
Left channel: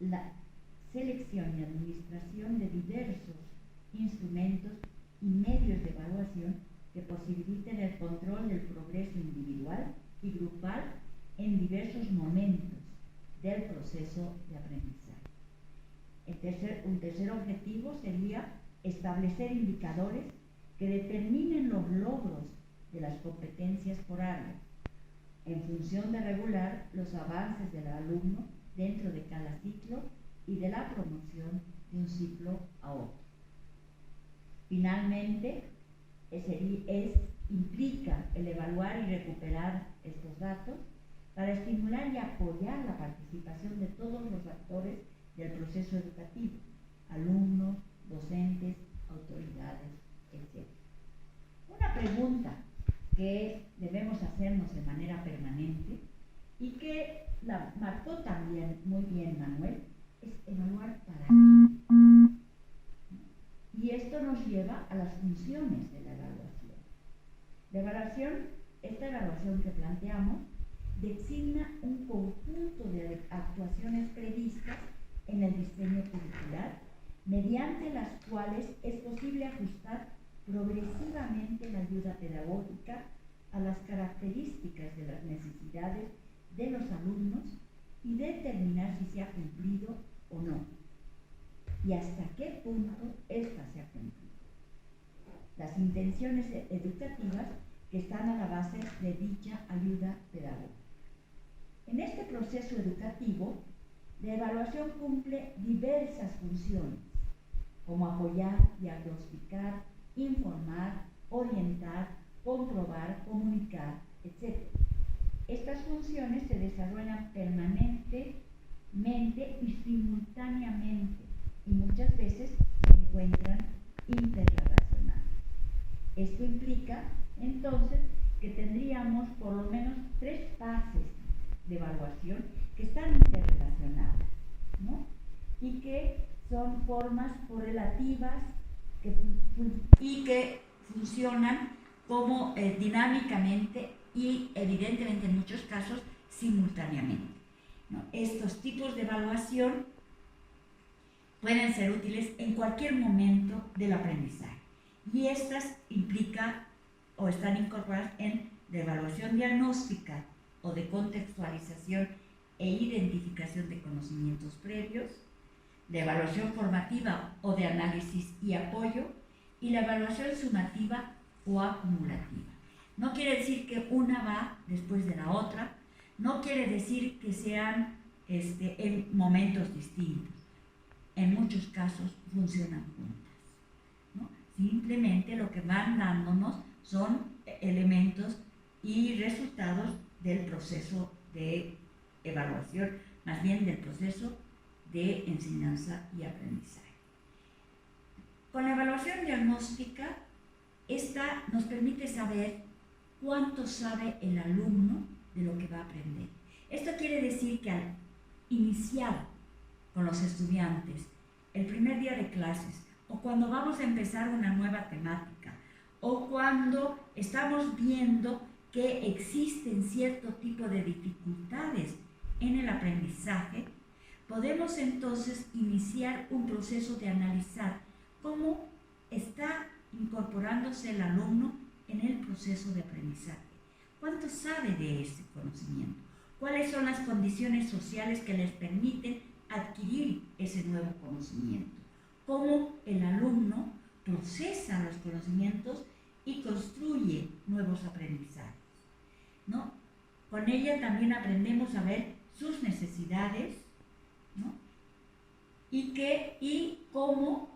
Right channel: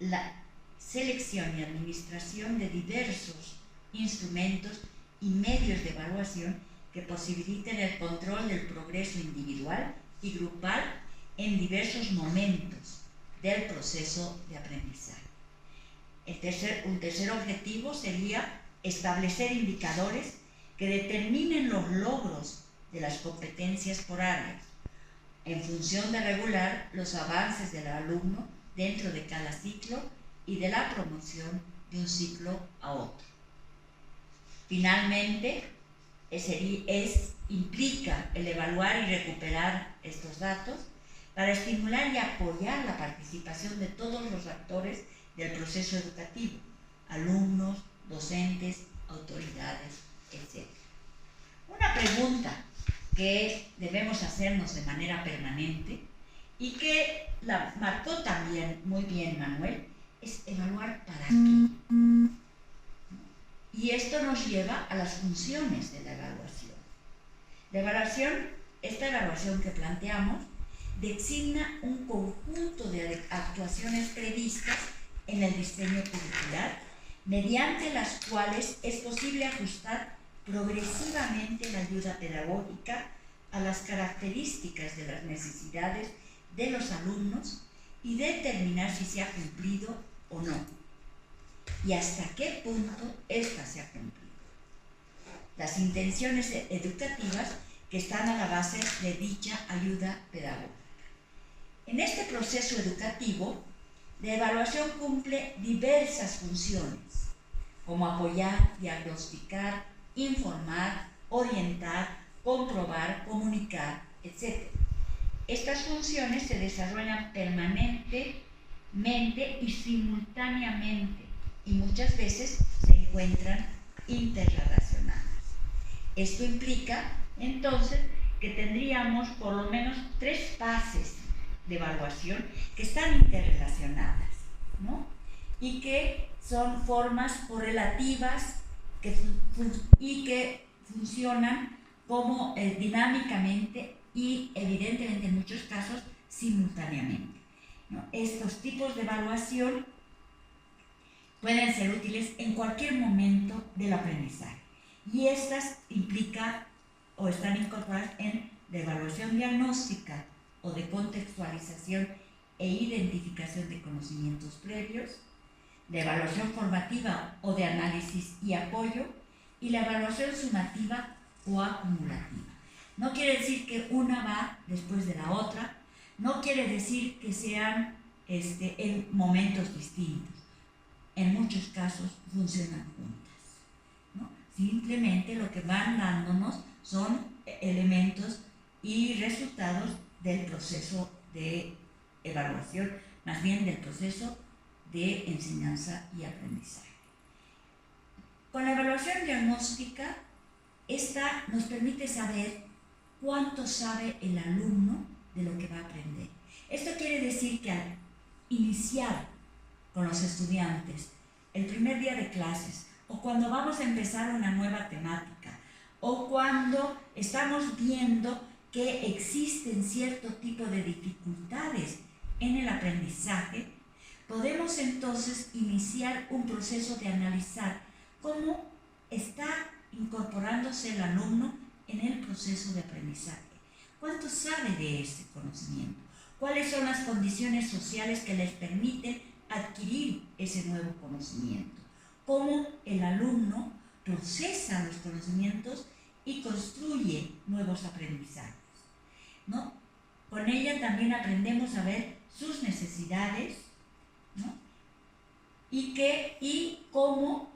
la selección y administración de diversos instrumentos y medios de evaluación que posibiliten el control del progreso individual y grupal en diversos momentos del proceso de aprendizaje. Un tercer objetivo sería establecer indicadores que determinen los logros de las competencias por áreas, en función de regular los avances del alumno dentro de cada ciclo y de la promoción de un ciclo a otro. Finalmente, implica el evaluar y recuperar estos datos para estimular y apoyar la participación de todos los actores del proceso educativo, alumnos, docentes, autoridades, etc. Una pregunta que debemos hacernos de manera permanente y que la marcó también muy bien Manuel, es evaluar para qué. Y esto nos lleva a las funciones de la evaluación. Esta evaluación que planteamos, designa un conjunto de actuaciones previstas en el diseño curricular, mediante las cuales es posible ajustar progresivamente la ayuda pedagógica a las características de las necesidades de los alumnos y determinar si se ha cumplido o no, y hasta qué punto ésta se ha cumplido. Las intenciones educativas que están a la base de dicha ayuda pedagógica. En este proceso educativo, la evaluación cumple diversas funciones, como apoyar, diagnosticar, informar, orientar, comprobar, comunicar, etc. Estas funciones se desarrollan permanentemente y simultáneamente y muchas veces se encuentran interrelacionadas. Esto implica, entonces, que tendríamos por lo menos 3 fases de evaluación que están interrelacionadas, ¿no? Y que son formas correlativas y que funcionan como dinámicamente y evidentemente en muchos casos simultáneamente, ¿no? Estos tipos de evaluación pueden ser útiles en cualquier momento del aprendizaje y estas implican o están incorporadas en la evaluación diagnóstica o de contextualización e identificación de conocimientos previos, la evaluación formativa o de análisis y apoyo, y la evaluación sumativa o acumulativa. No quiere decir que una va después de la otra, no quiere decir que sean en momentos distintos. En muchos casos funcionan juntas, ¿no? Simplemente lo que van dándonos son elementos y resultados del proceso de evaluación más bien del proceso de enseñanza y aprendizaje. Con la evaluación diagnóstica, esta nos permite saber cuánto sabe el alumno de lo que va a aprender. Esto quiere decir que al iniciar con los estudiantes el primer día de clases, o cuando vamos a empezar una nueva temática, o cuando estamos viendo que existen cierto tipo de dificultades en el aprendizaje, podemos entonces iniciar un proceso de analizar cómo está incorporándose el alumno en el proceso de aprendizaje. ¿Cuánto sabe de ese conocimiento? ¿Cuáles son las condiciones sociales que les permiten adquirir ese nuevo conocimiento? ¿Cómo el alumno procesa los conocimientos y construye nuevos aprendizajes? ¿No? Con ella también aprendemos a ver sus necesidades, ¿no? y cómo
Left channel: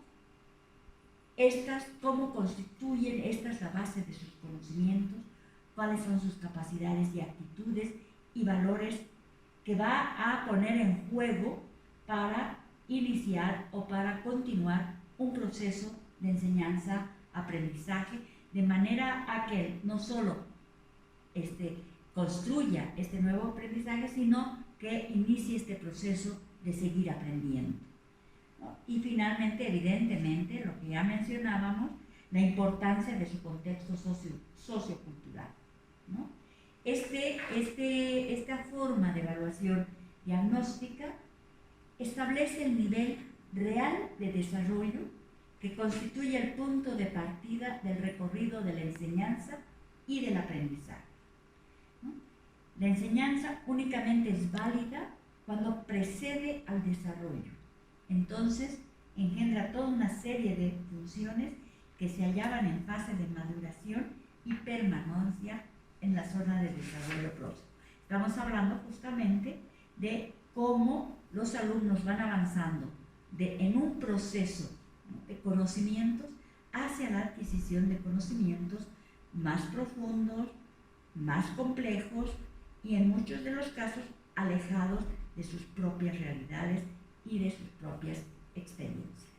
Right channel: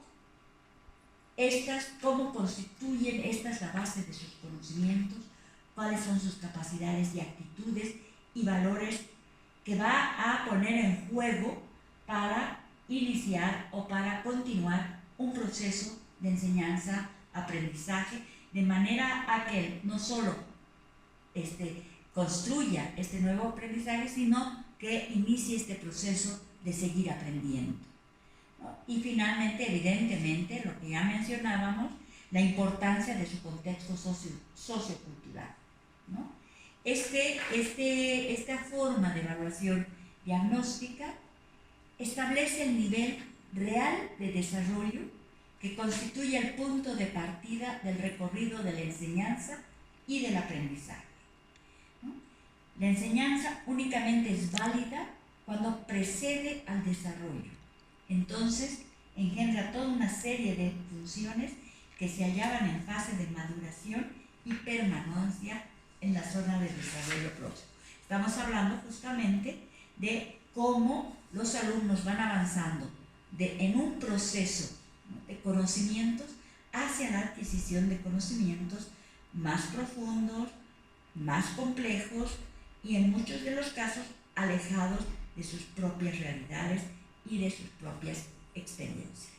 constituyen estas la base de sus conocimientos, cuáles son sus capacidades y actitudes y valores que va a poner en juego para iniciar o para continuar un proceso de enseñanza-aprendizaje, de manera a que no solo construya este nuevo aprendizaje, sino que inicie este proceso de seguir aprendiendo, ¿no? Y finalmente, evidentemente, lo que ya mencionábamos, la importancia de su contexto sociocultural, ¿no? Esta forma de evaluación diagnóstica establece el nivel real de desarrollo que constituye el punto de partida del recorrido de la enseñanza y del aprendizaje, ¿no? La enseñanza únicamente es válida cuando precede al desarrollo. Entonces, engendra toda una serie de funciones que se hallaban en fase de maduración y permanencia en la zona de desarrollo próximo. Estamos hablando justamente de cómo los alumnos van avanzando en un proceso de conocimientos hacia la adquisición de conocimientos más profundos, más complejos y en muchos de los casos alejados de sus propias realidades y de sus propias experiencias.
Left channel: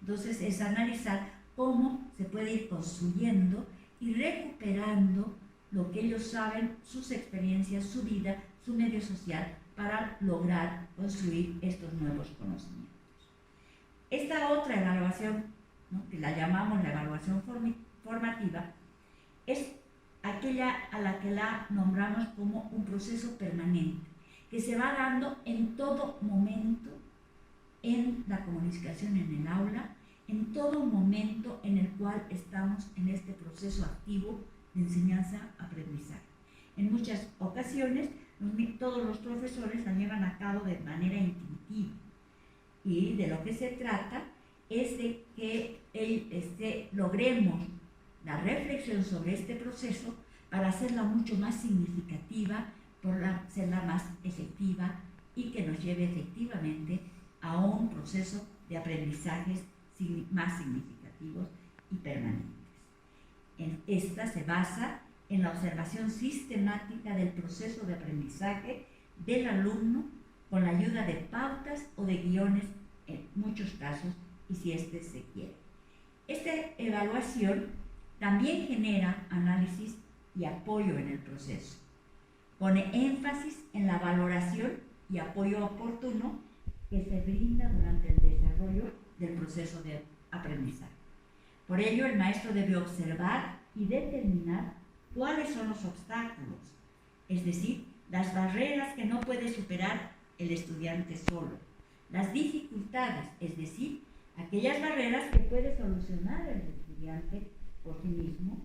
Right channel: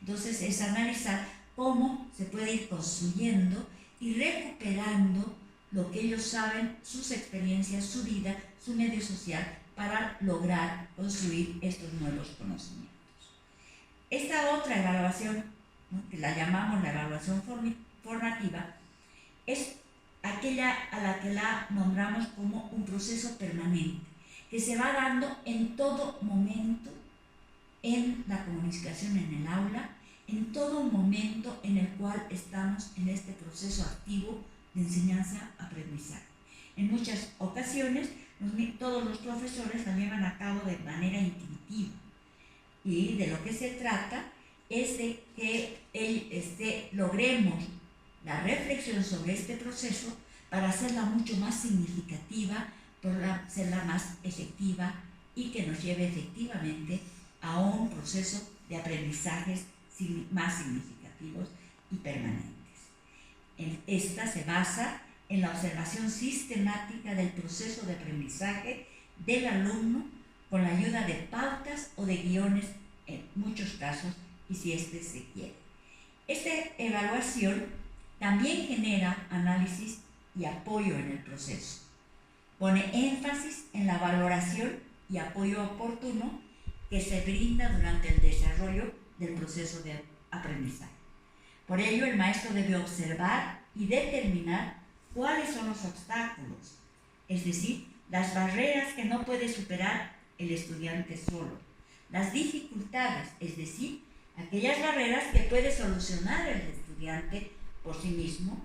Entonces es analizar cómo se puede ir construyendo y recuperando lo que ellos saben, sus experiencias, su vida, su medio social, para lograr construir estos nuevos conocimientos. Esta otra evaluación, ¿no?, que la llamamos la evaluación formativa, es aquella a la que la nombramos como un proceso permanente, que se va dando en todo momento en la comunicación en el aula, en todo momento en el cual estamos en este proceso activo de enseñanza-aprendizaje. En muchas ocasiones, todos los profesores la llevan a cabo de manera intuitiva, y de lo que se trata es de que logremos la reflexión sobre este proceso para hacerla mucho más significativa, para hacerla más efectiva y que nos lleve efectivamente a un proceso de aprendizajes más significativos y permanentes. Esta se basa en la observación sistemática del proceso de aprendizaje del alumno con la ayuda de pautas o de guiones en muchos casos, y si se quiere. Esta evaluación también genera análisis y apoyo en el proceso. Pone énfasis en la valoración y apoyo oportuno que se brinda durante el desarrollo del proceso de aprendizaje. Por ello, el maestro debe observar y determinar cuáles son los obstáculos, es decir, las barreras que no puede superar el estudiante solo, las dificultades, es decir, aquellas barreras que puede solucionar el estudiante por sí mismo,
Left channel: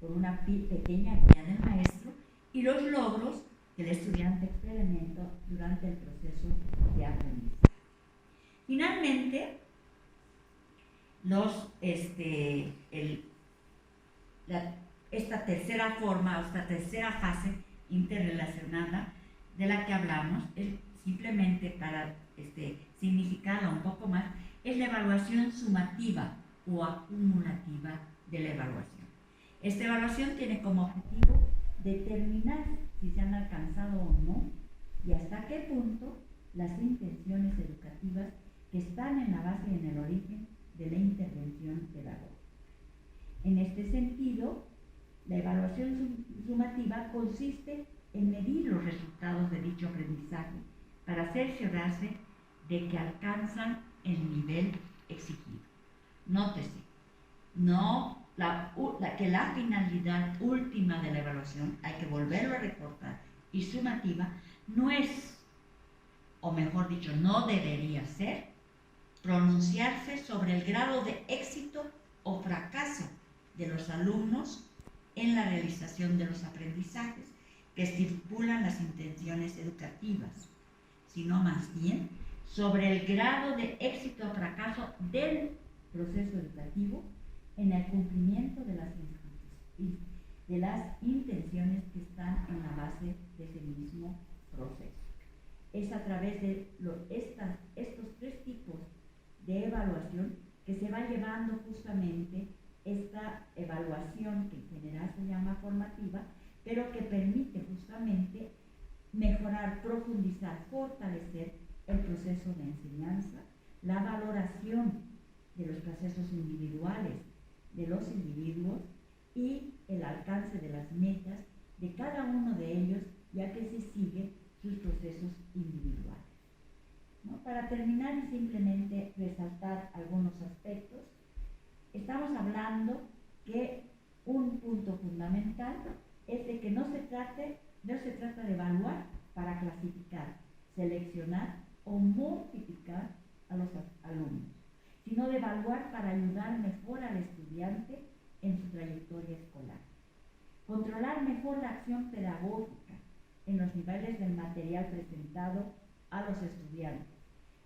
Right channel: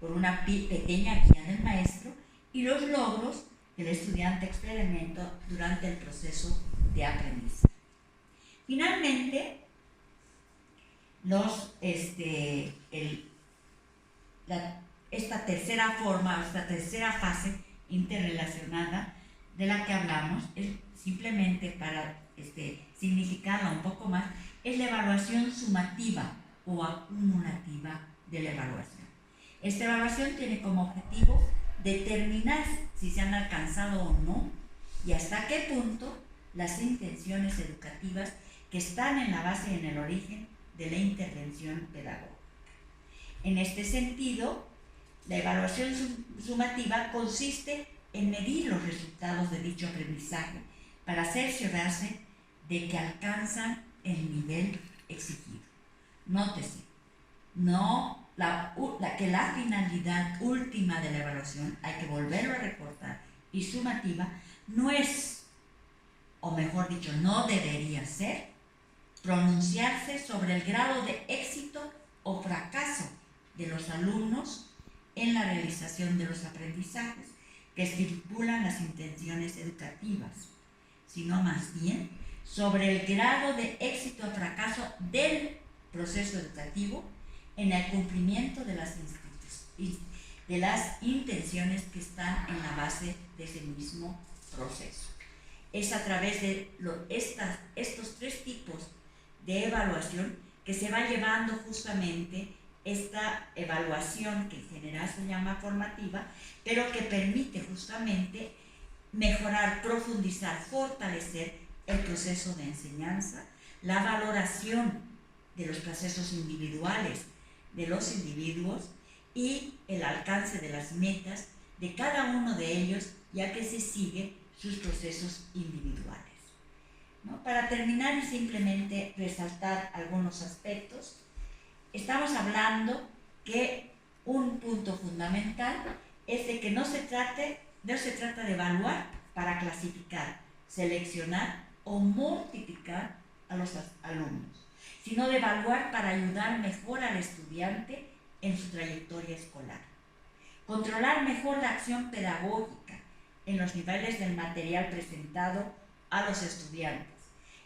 por una pequeña guía del maestro, y los logros que el estudiante experimenta durante el proceso de aprendizaje. Finalmente, esta tercera forma, o esta tercera fase interrelacionada de la que hablamos, es simplemente para significarla un poco más, es la evaluación sumativa o acumulativa de la evaluación. Esta evaluación tiene como objetivo determinar si se han alcanzado o no y hasta qué punto las intenciones educativas que están en la base y en el origen de la intervención pedagógica. En este sentido, la evaluación sumativa consiste en medir los resultados de dicho aprendizaje para cerciorarse de que alcanzan el nivel exigido. Nótese, que la finalidad última de la evaluación, hay que volverlo a recordar, y sumativa, no es, o mejor dicho, no debería ser, pronunciarse sobre el grado de éxito o fracaso de los alumnos en la realización de los aprendizajes que estipulan las intenciones educativas, sino más bien sobre el grado de éxito o fracaso del proceso educativo en el cumplimiento de las intenciones que están en la base de ese mismo proceso. Es a través de estos tres tipos de evaluación que se va llevando justamente esta evaluación, que en general se llama formativa, pero que permite justamente mejorar, profundizar, fortalecer el proceso de enseñanza, la valoración de los procesos individuales de los individuos y el alcance de las metas de cada uno de ellos, ya que se sigue sus procesos individuales, ¿no? Para terminar y simplemente resaltar algunos aspectos, estamos hablando que un punto fundamental es de que no se trata de evaluar para clasificar, seleccionar o multiplicar a los alumnos, sino de evaluar para ayudar mejor al estudiante en su trayectoria escolar. Controlar mejor la acción pedagógica en los niveles del material presentado a los estudiantes.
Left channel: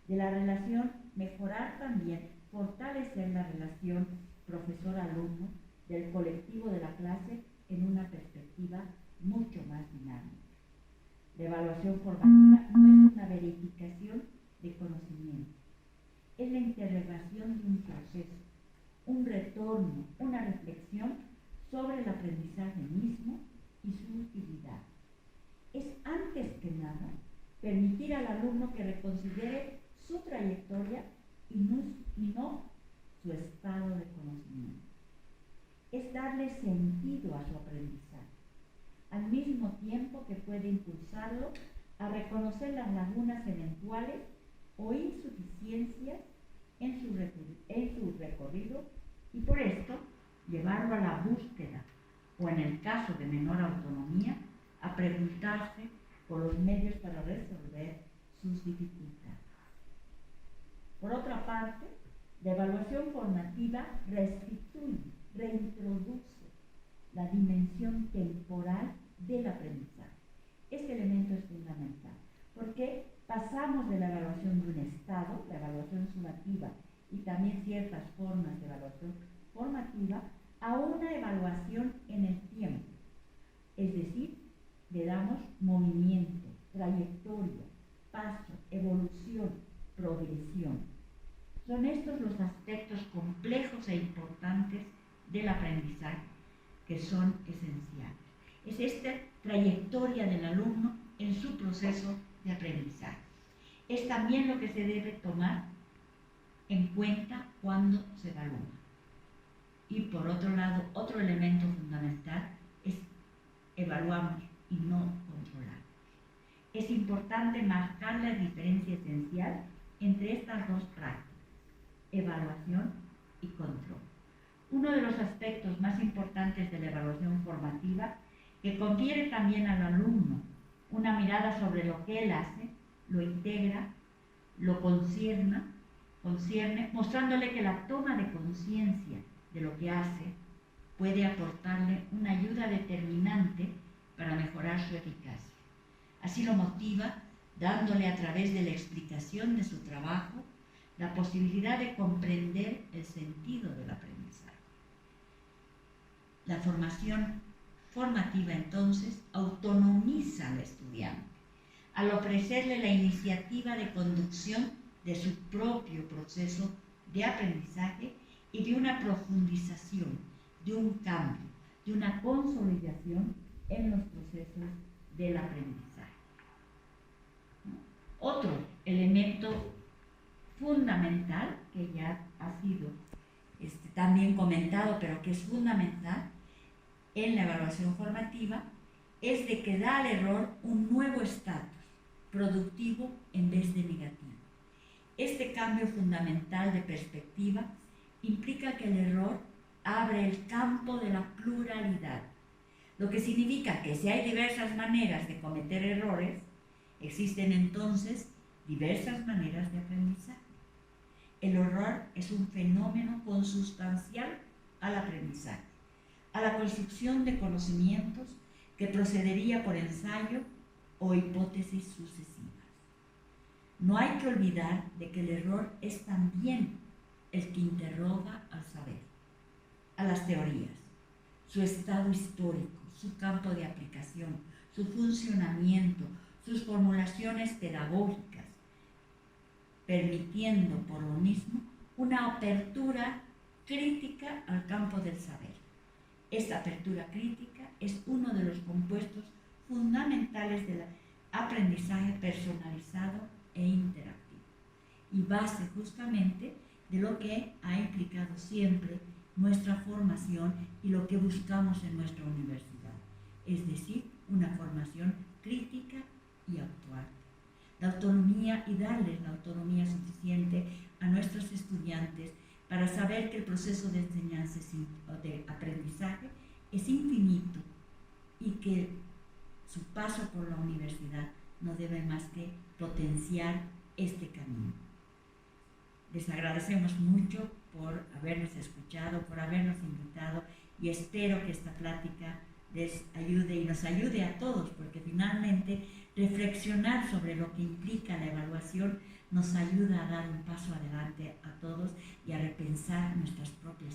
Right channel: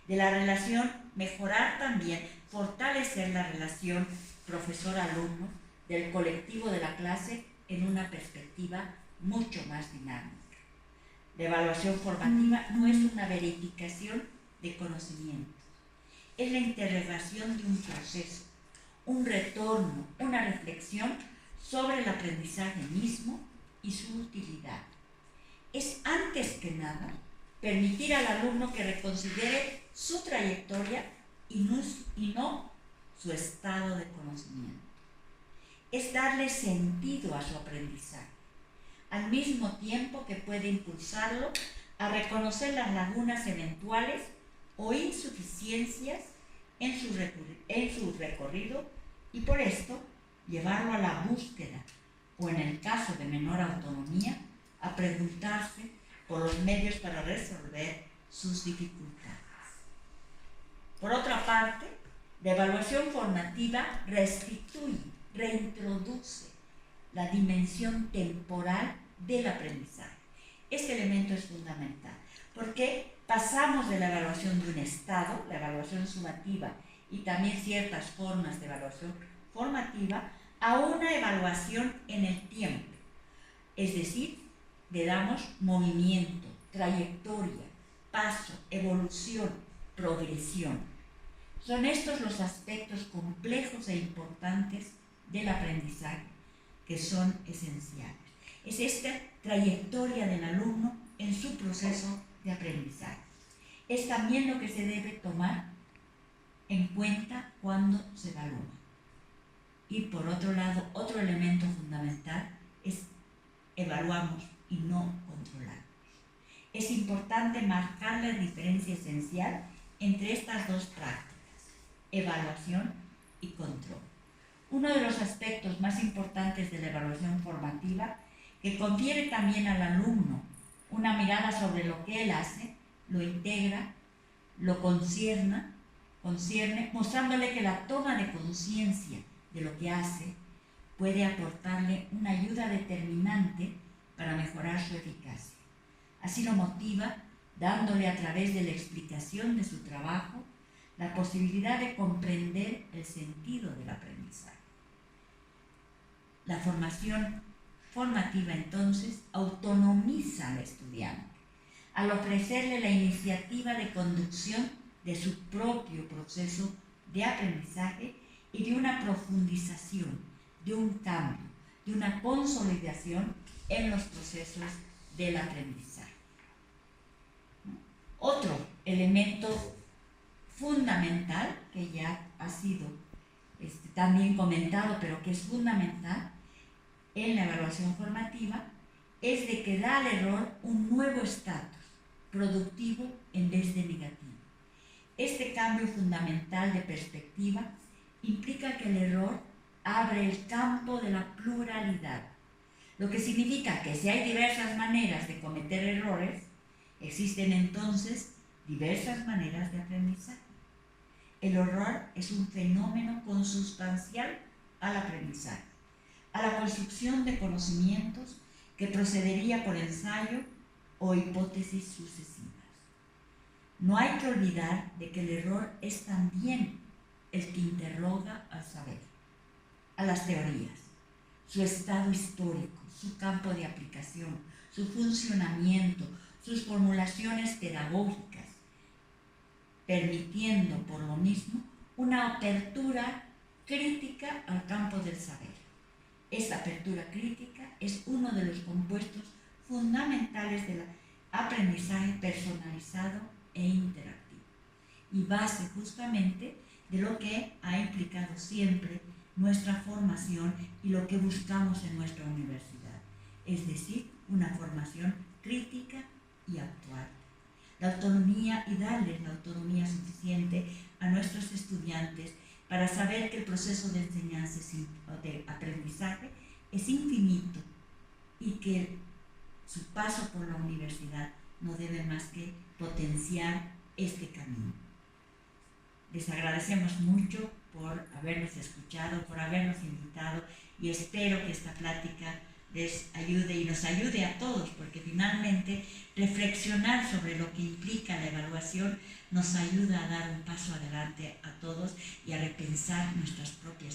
De la relación, mejorar también, fortalecer la relación profesor-alumno del colectivo de la clase en una perspectiva mucho más dinámica. La evaluación formativa no es una verificación de conocimientos, es la interrogación de un proceso, un retorno, una reflexión sobre el aprendizaje mismo y su utilidad. Es antes que nada permitir al alumno que reconsidere su trayectoria y no su estado de conocimiento. Es darle sentido a su aprendizaje, al mismo tiempo que puede impulsarlo a reconocer las lagunas eventuales o insuficiencias en su recorrido y por esto llevarlo a la búsqueda o, en el caso de menor autonomía, a preguntarse por los medios para resolver sus dificultades. Por otra parte, la evaluación formativa restituye, reintroduce la dimensión temporal del aprendizaje. Este elemento es fundamental porque pasamos de la evaluación de un estado, la evaluación sumativa y también ciertas formas de evaluación formativa, a una evaluación en el tiempo. Es decir, le damos movimiento, trayectoria, paso, evolución, progresión. Son estos los aspectos complejos e importantes del aprendizaje que son esenciales. Es esta trayectoria del alumno en su proceso de aprendizaje. Es también lo que se debe tomar en cuenta cuando se evalúa. Y por otro lado, otro elemento fundamental es evaluamos y no controlamos. Es importante marcar la diferencia esencial entre estas dos prácticas, evaluación y control. Uno de los aspectos más importantes de la evaluación formativa, que confiere también al alumno una mirada sobre lo que él hace, lo integra, lo concierne, mostrándole que la toma de conciencia de lo que hace puede aportarle una ayuda determinante para mejorar su eficacia. Así lo motiva, dándole a través de la explicación de su trabajo la posibilidad de comprender el sentido del aprendizaje. La formación formativa, entonces, autonomiza al estudiante al ofrecerle la iniciativa de conducción de su propio proceso de aprendizaje y de una profundización, de un cambio, de una consolidación en los procesos del aprendizaje. Otro elemento fundamental, que ya ha sido también comentado, pero que es fundamental en la evaluación formativa, es de que da al error un nuevo estatus productivo en vez de negativo. Este cambio fundamental de perspectiva implica que el error abre el campo de la pluralidad, lo que significa que si hay diversas maneras de cometer errores, existen entonces diversas maneras de aprendizaje. El error es un fenómeno consustancial al aprendizaje, a la construcción de conocimientos que procedería por ensayo o hipótesis sucesivas. No hay que olvidar de que el error es también el que interroga al saber, a las teorías, su estado histórico, su campo de aplicación, su funcionamiento, sus formulaciones pedagógicas, permitiendo por lo mismo una apertura crítica al campo del saber. Esta apertura crítica es uno de los compuestos fundamentales del aprendizaje personalizado e interactivo y base justamente de lo que ha implicado siempre nuestra formación y lo que buscamos en nuestra universidad, es decir, una formación crítica y actual. La autonomía y darles la autonomía suficiente a nuestros estudiantes para saber que el proceso de enseñanza o de aprendizaje es infinito y que su paso por la universidad no debe más que potenciar este camino. Les agradecemos mucho por habernos escuchado, por habernos invitado y espero que esta plática les ayude y nos ayude a todos, porque finalmente reflexionar sobre lo que implica la evaluación nos ayuda a dar un paso adelante a todos y a repensar nuestras propias